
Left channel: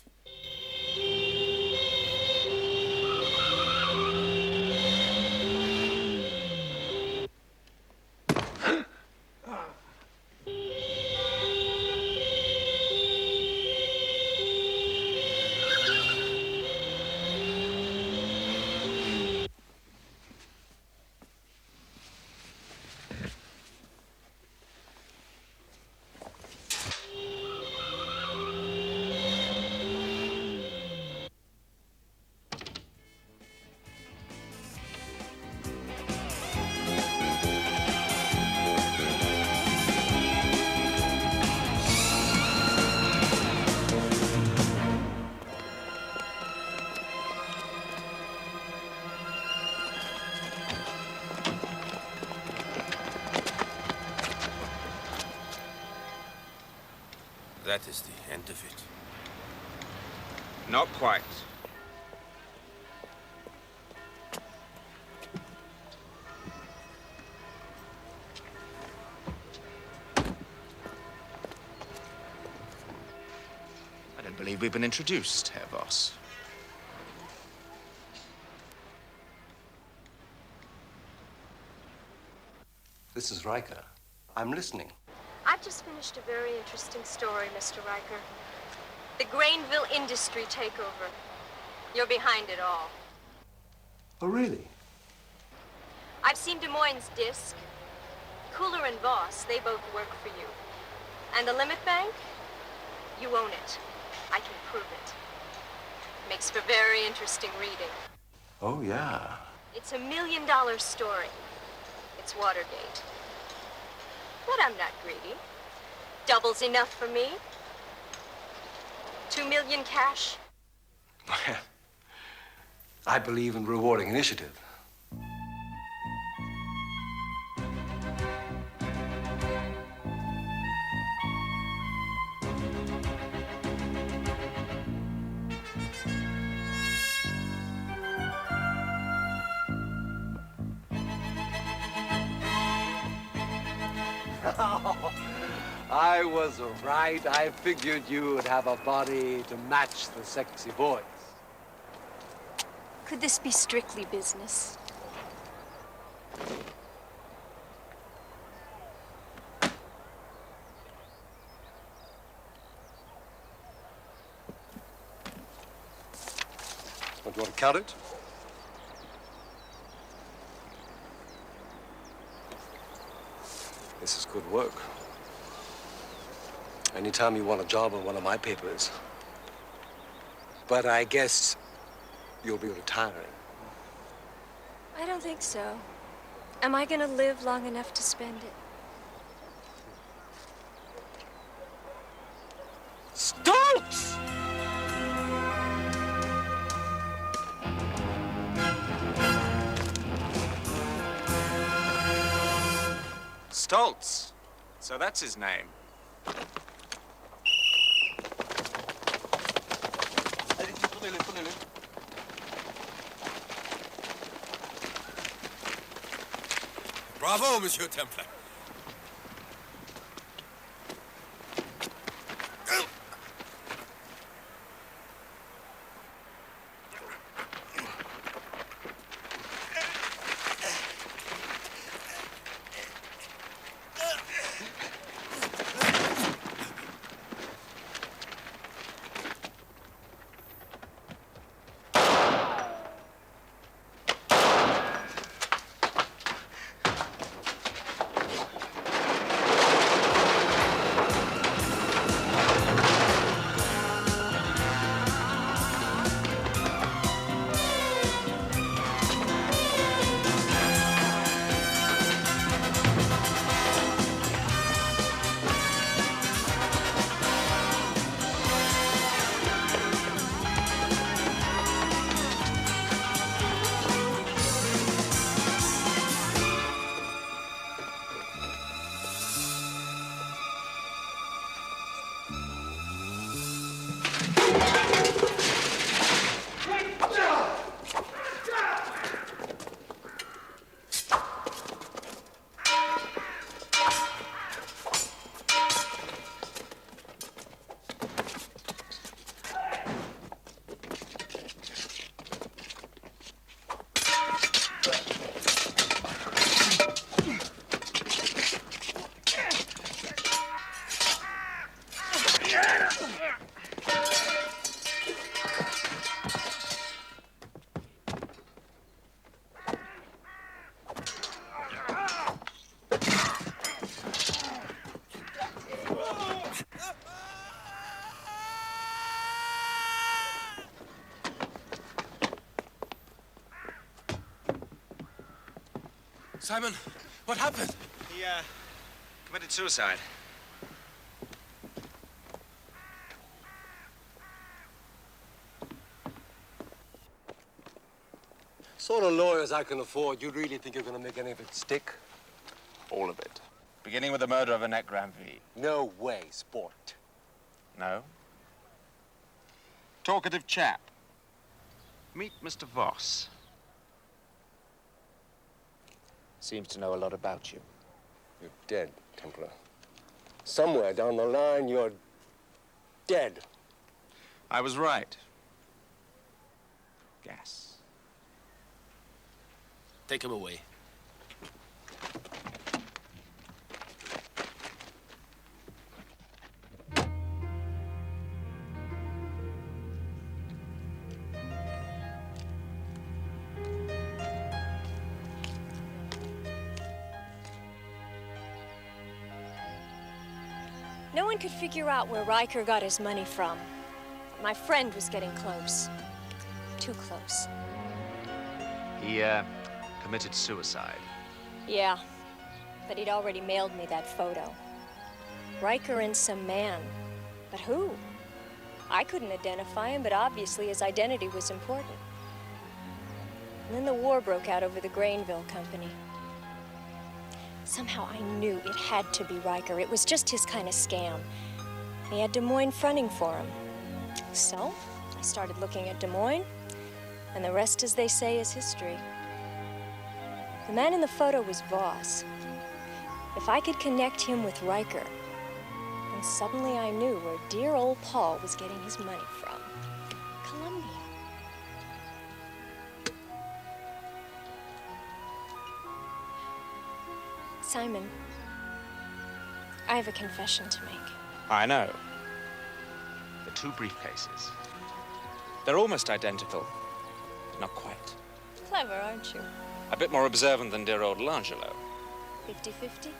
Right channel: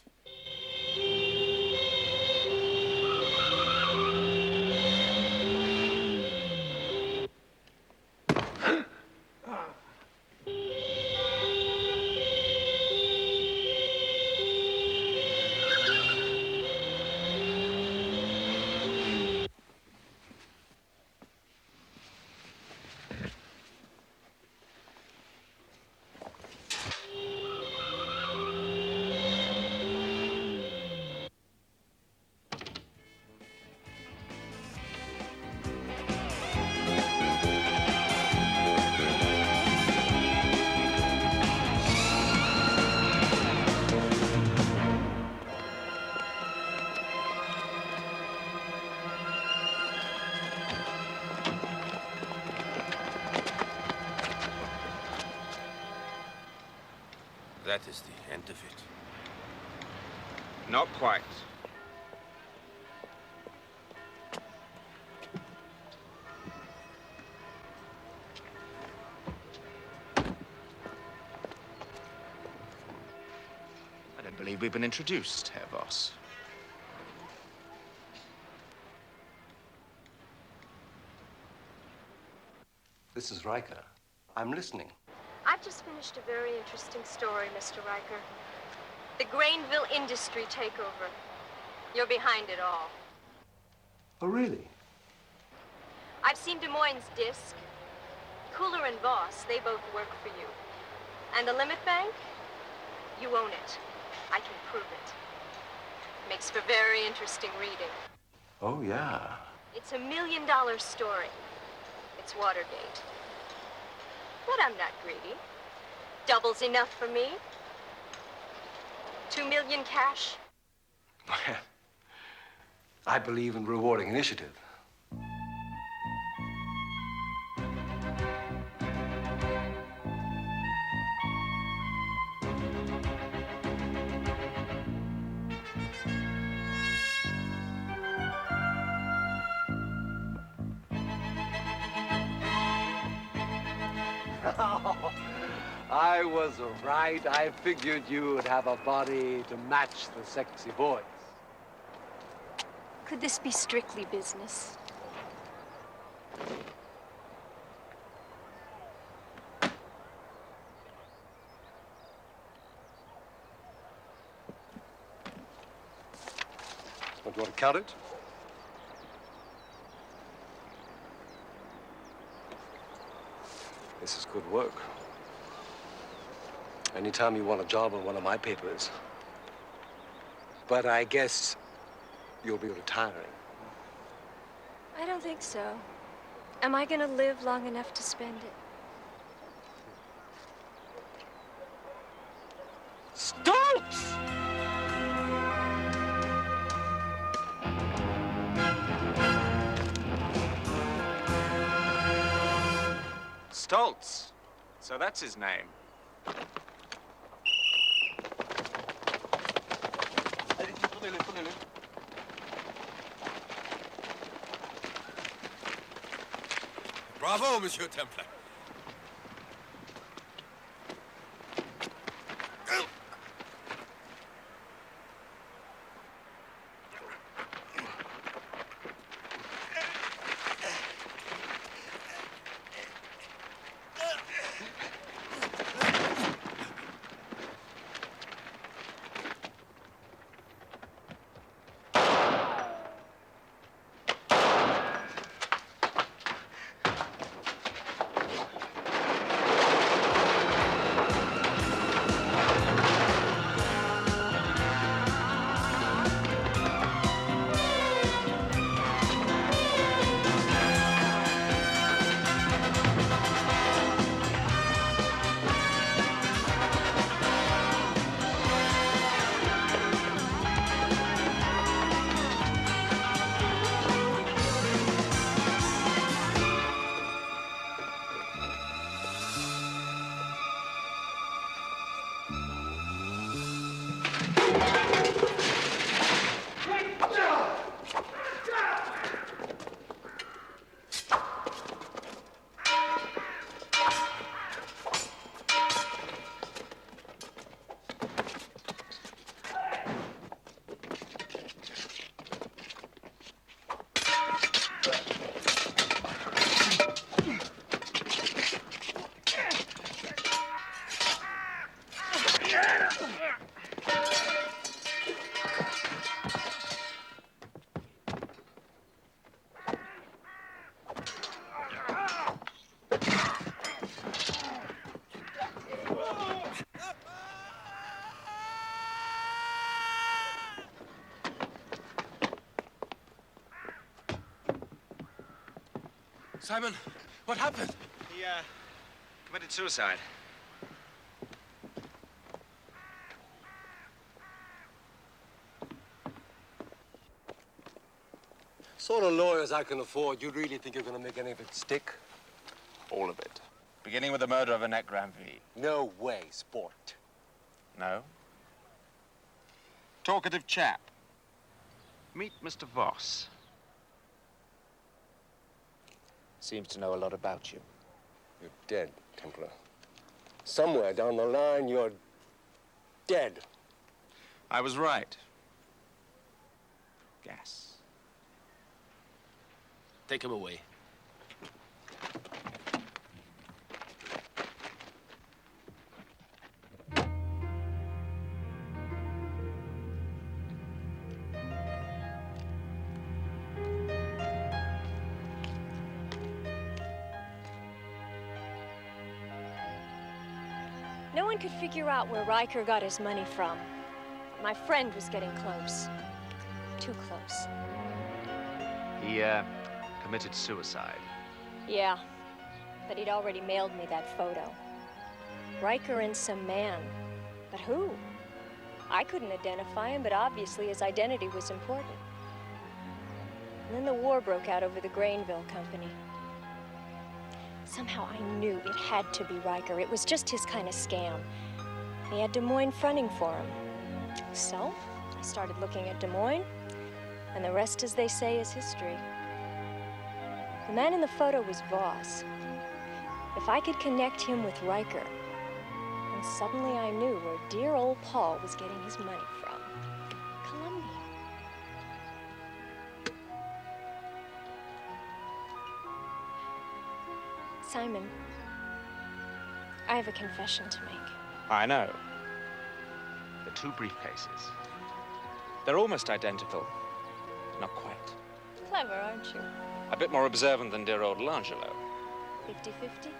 That is the end of it. Not quite. believe we've been introduced, Herr Voss. This is Riker. I'm listening. I've just finished a very interesting story, Mr. Riker. The Grainville industry takeover. You're behind it all. Oh, really? I've seen Demoyne's disc. Cooler and Voss, they both work for you. And the Limit Bank? You own it. I can prove it. Makes for very interesting reading. Oh, yeah. It's $1 million story. It's Watergate. But I'm not greedy. Double's enough for me. 2 million cash. I believe in rewarding initiative. I was right. I figured you would have a body to match the sexy voice. Could this be strictly business? Don't you want to count it? This is good work. Anytime you want a job on one of my papers. But I guess you'll be retiring. I don't think so. Am I gonna live long enough to spend it? Stokes! Stoltz. So that's his name. Bravo, Monsieur Templar. Simon, what happened? He, committed suicide. Sort of lawyers I can afford, you really think you're going to make any of it stick? All of it. Beginning with the murder of Annette Granville. No way, sport. No? Talkative chap. Meet Mr. Voss. Seems to know a lot about you. You're dead, Templar. Somewhere down the line, you're dead. I was right. Gas. Take him away. No one could figure out where Riker got his money from. My friend was getting close. Too close. He, committed suicide. Yeah, but he'd already mailed me that photo. Riker and some man. But who? I couldn't identify him, but obviously his identity was important. And then the war broke out over the Grainville Company. Somehow I knew it had to be Riker. It was just his kind of scam. He had Demoyne fronting for him. So, I started looking at Demoyne, and the rest, as they say, is history. The man in the photo was Voss. If I could connect him with Riker, then suddenly I knew where dear old Paul was getting his money from. Columbia. Simon, I have a confession to make. I know. The two briefcases. They're almost identical. Not quite. Clever, aren't you? A bit more observant than dear old L'Angelo. 50-50?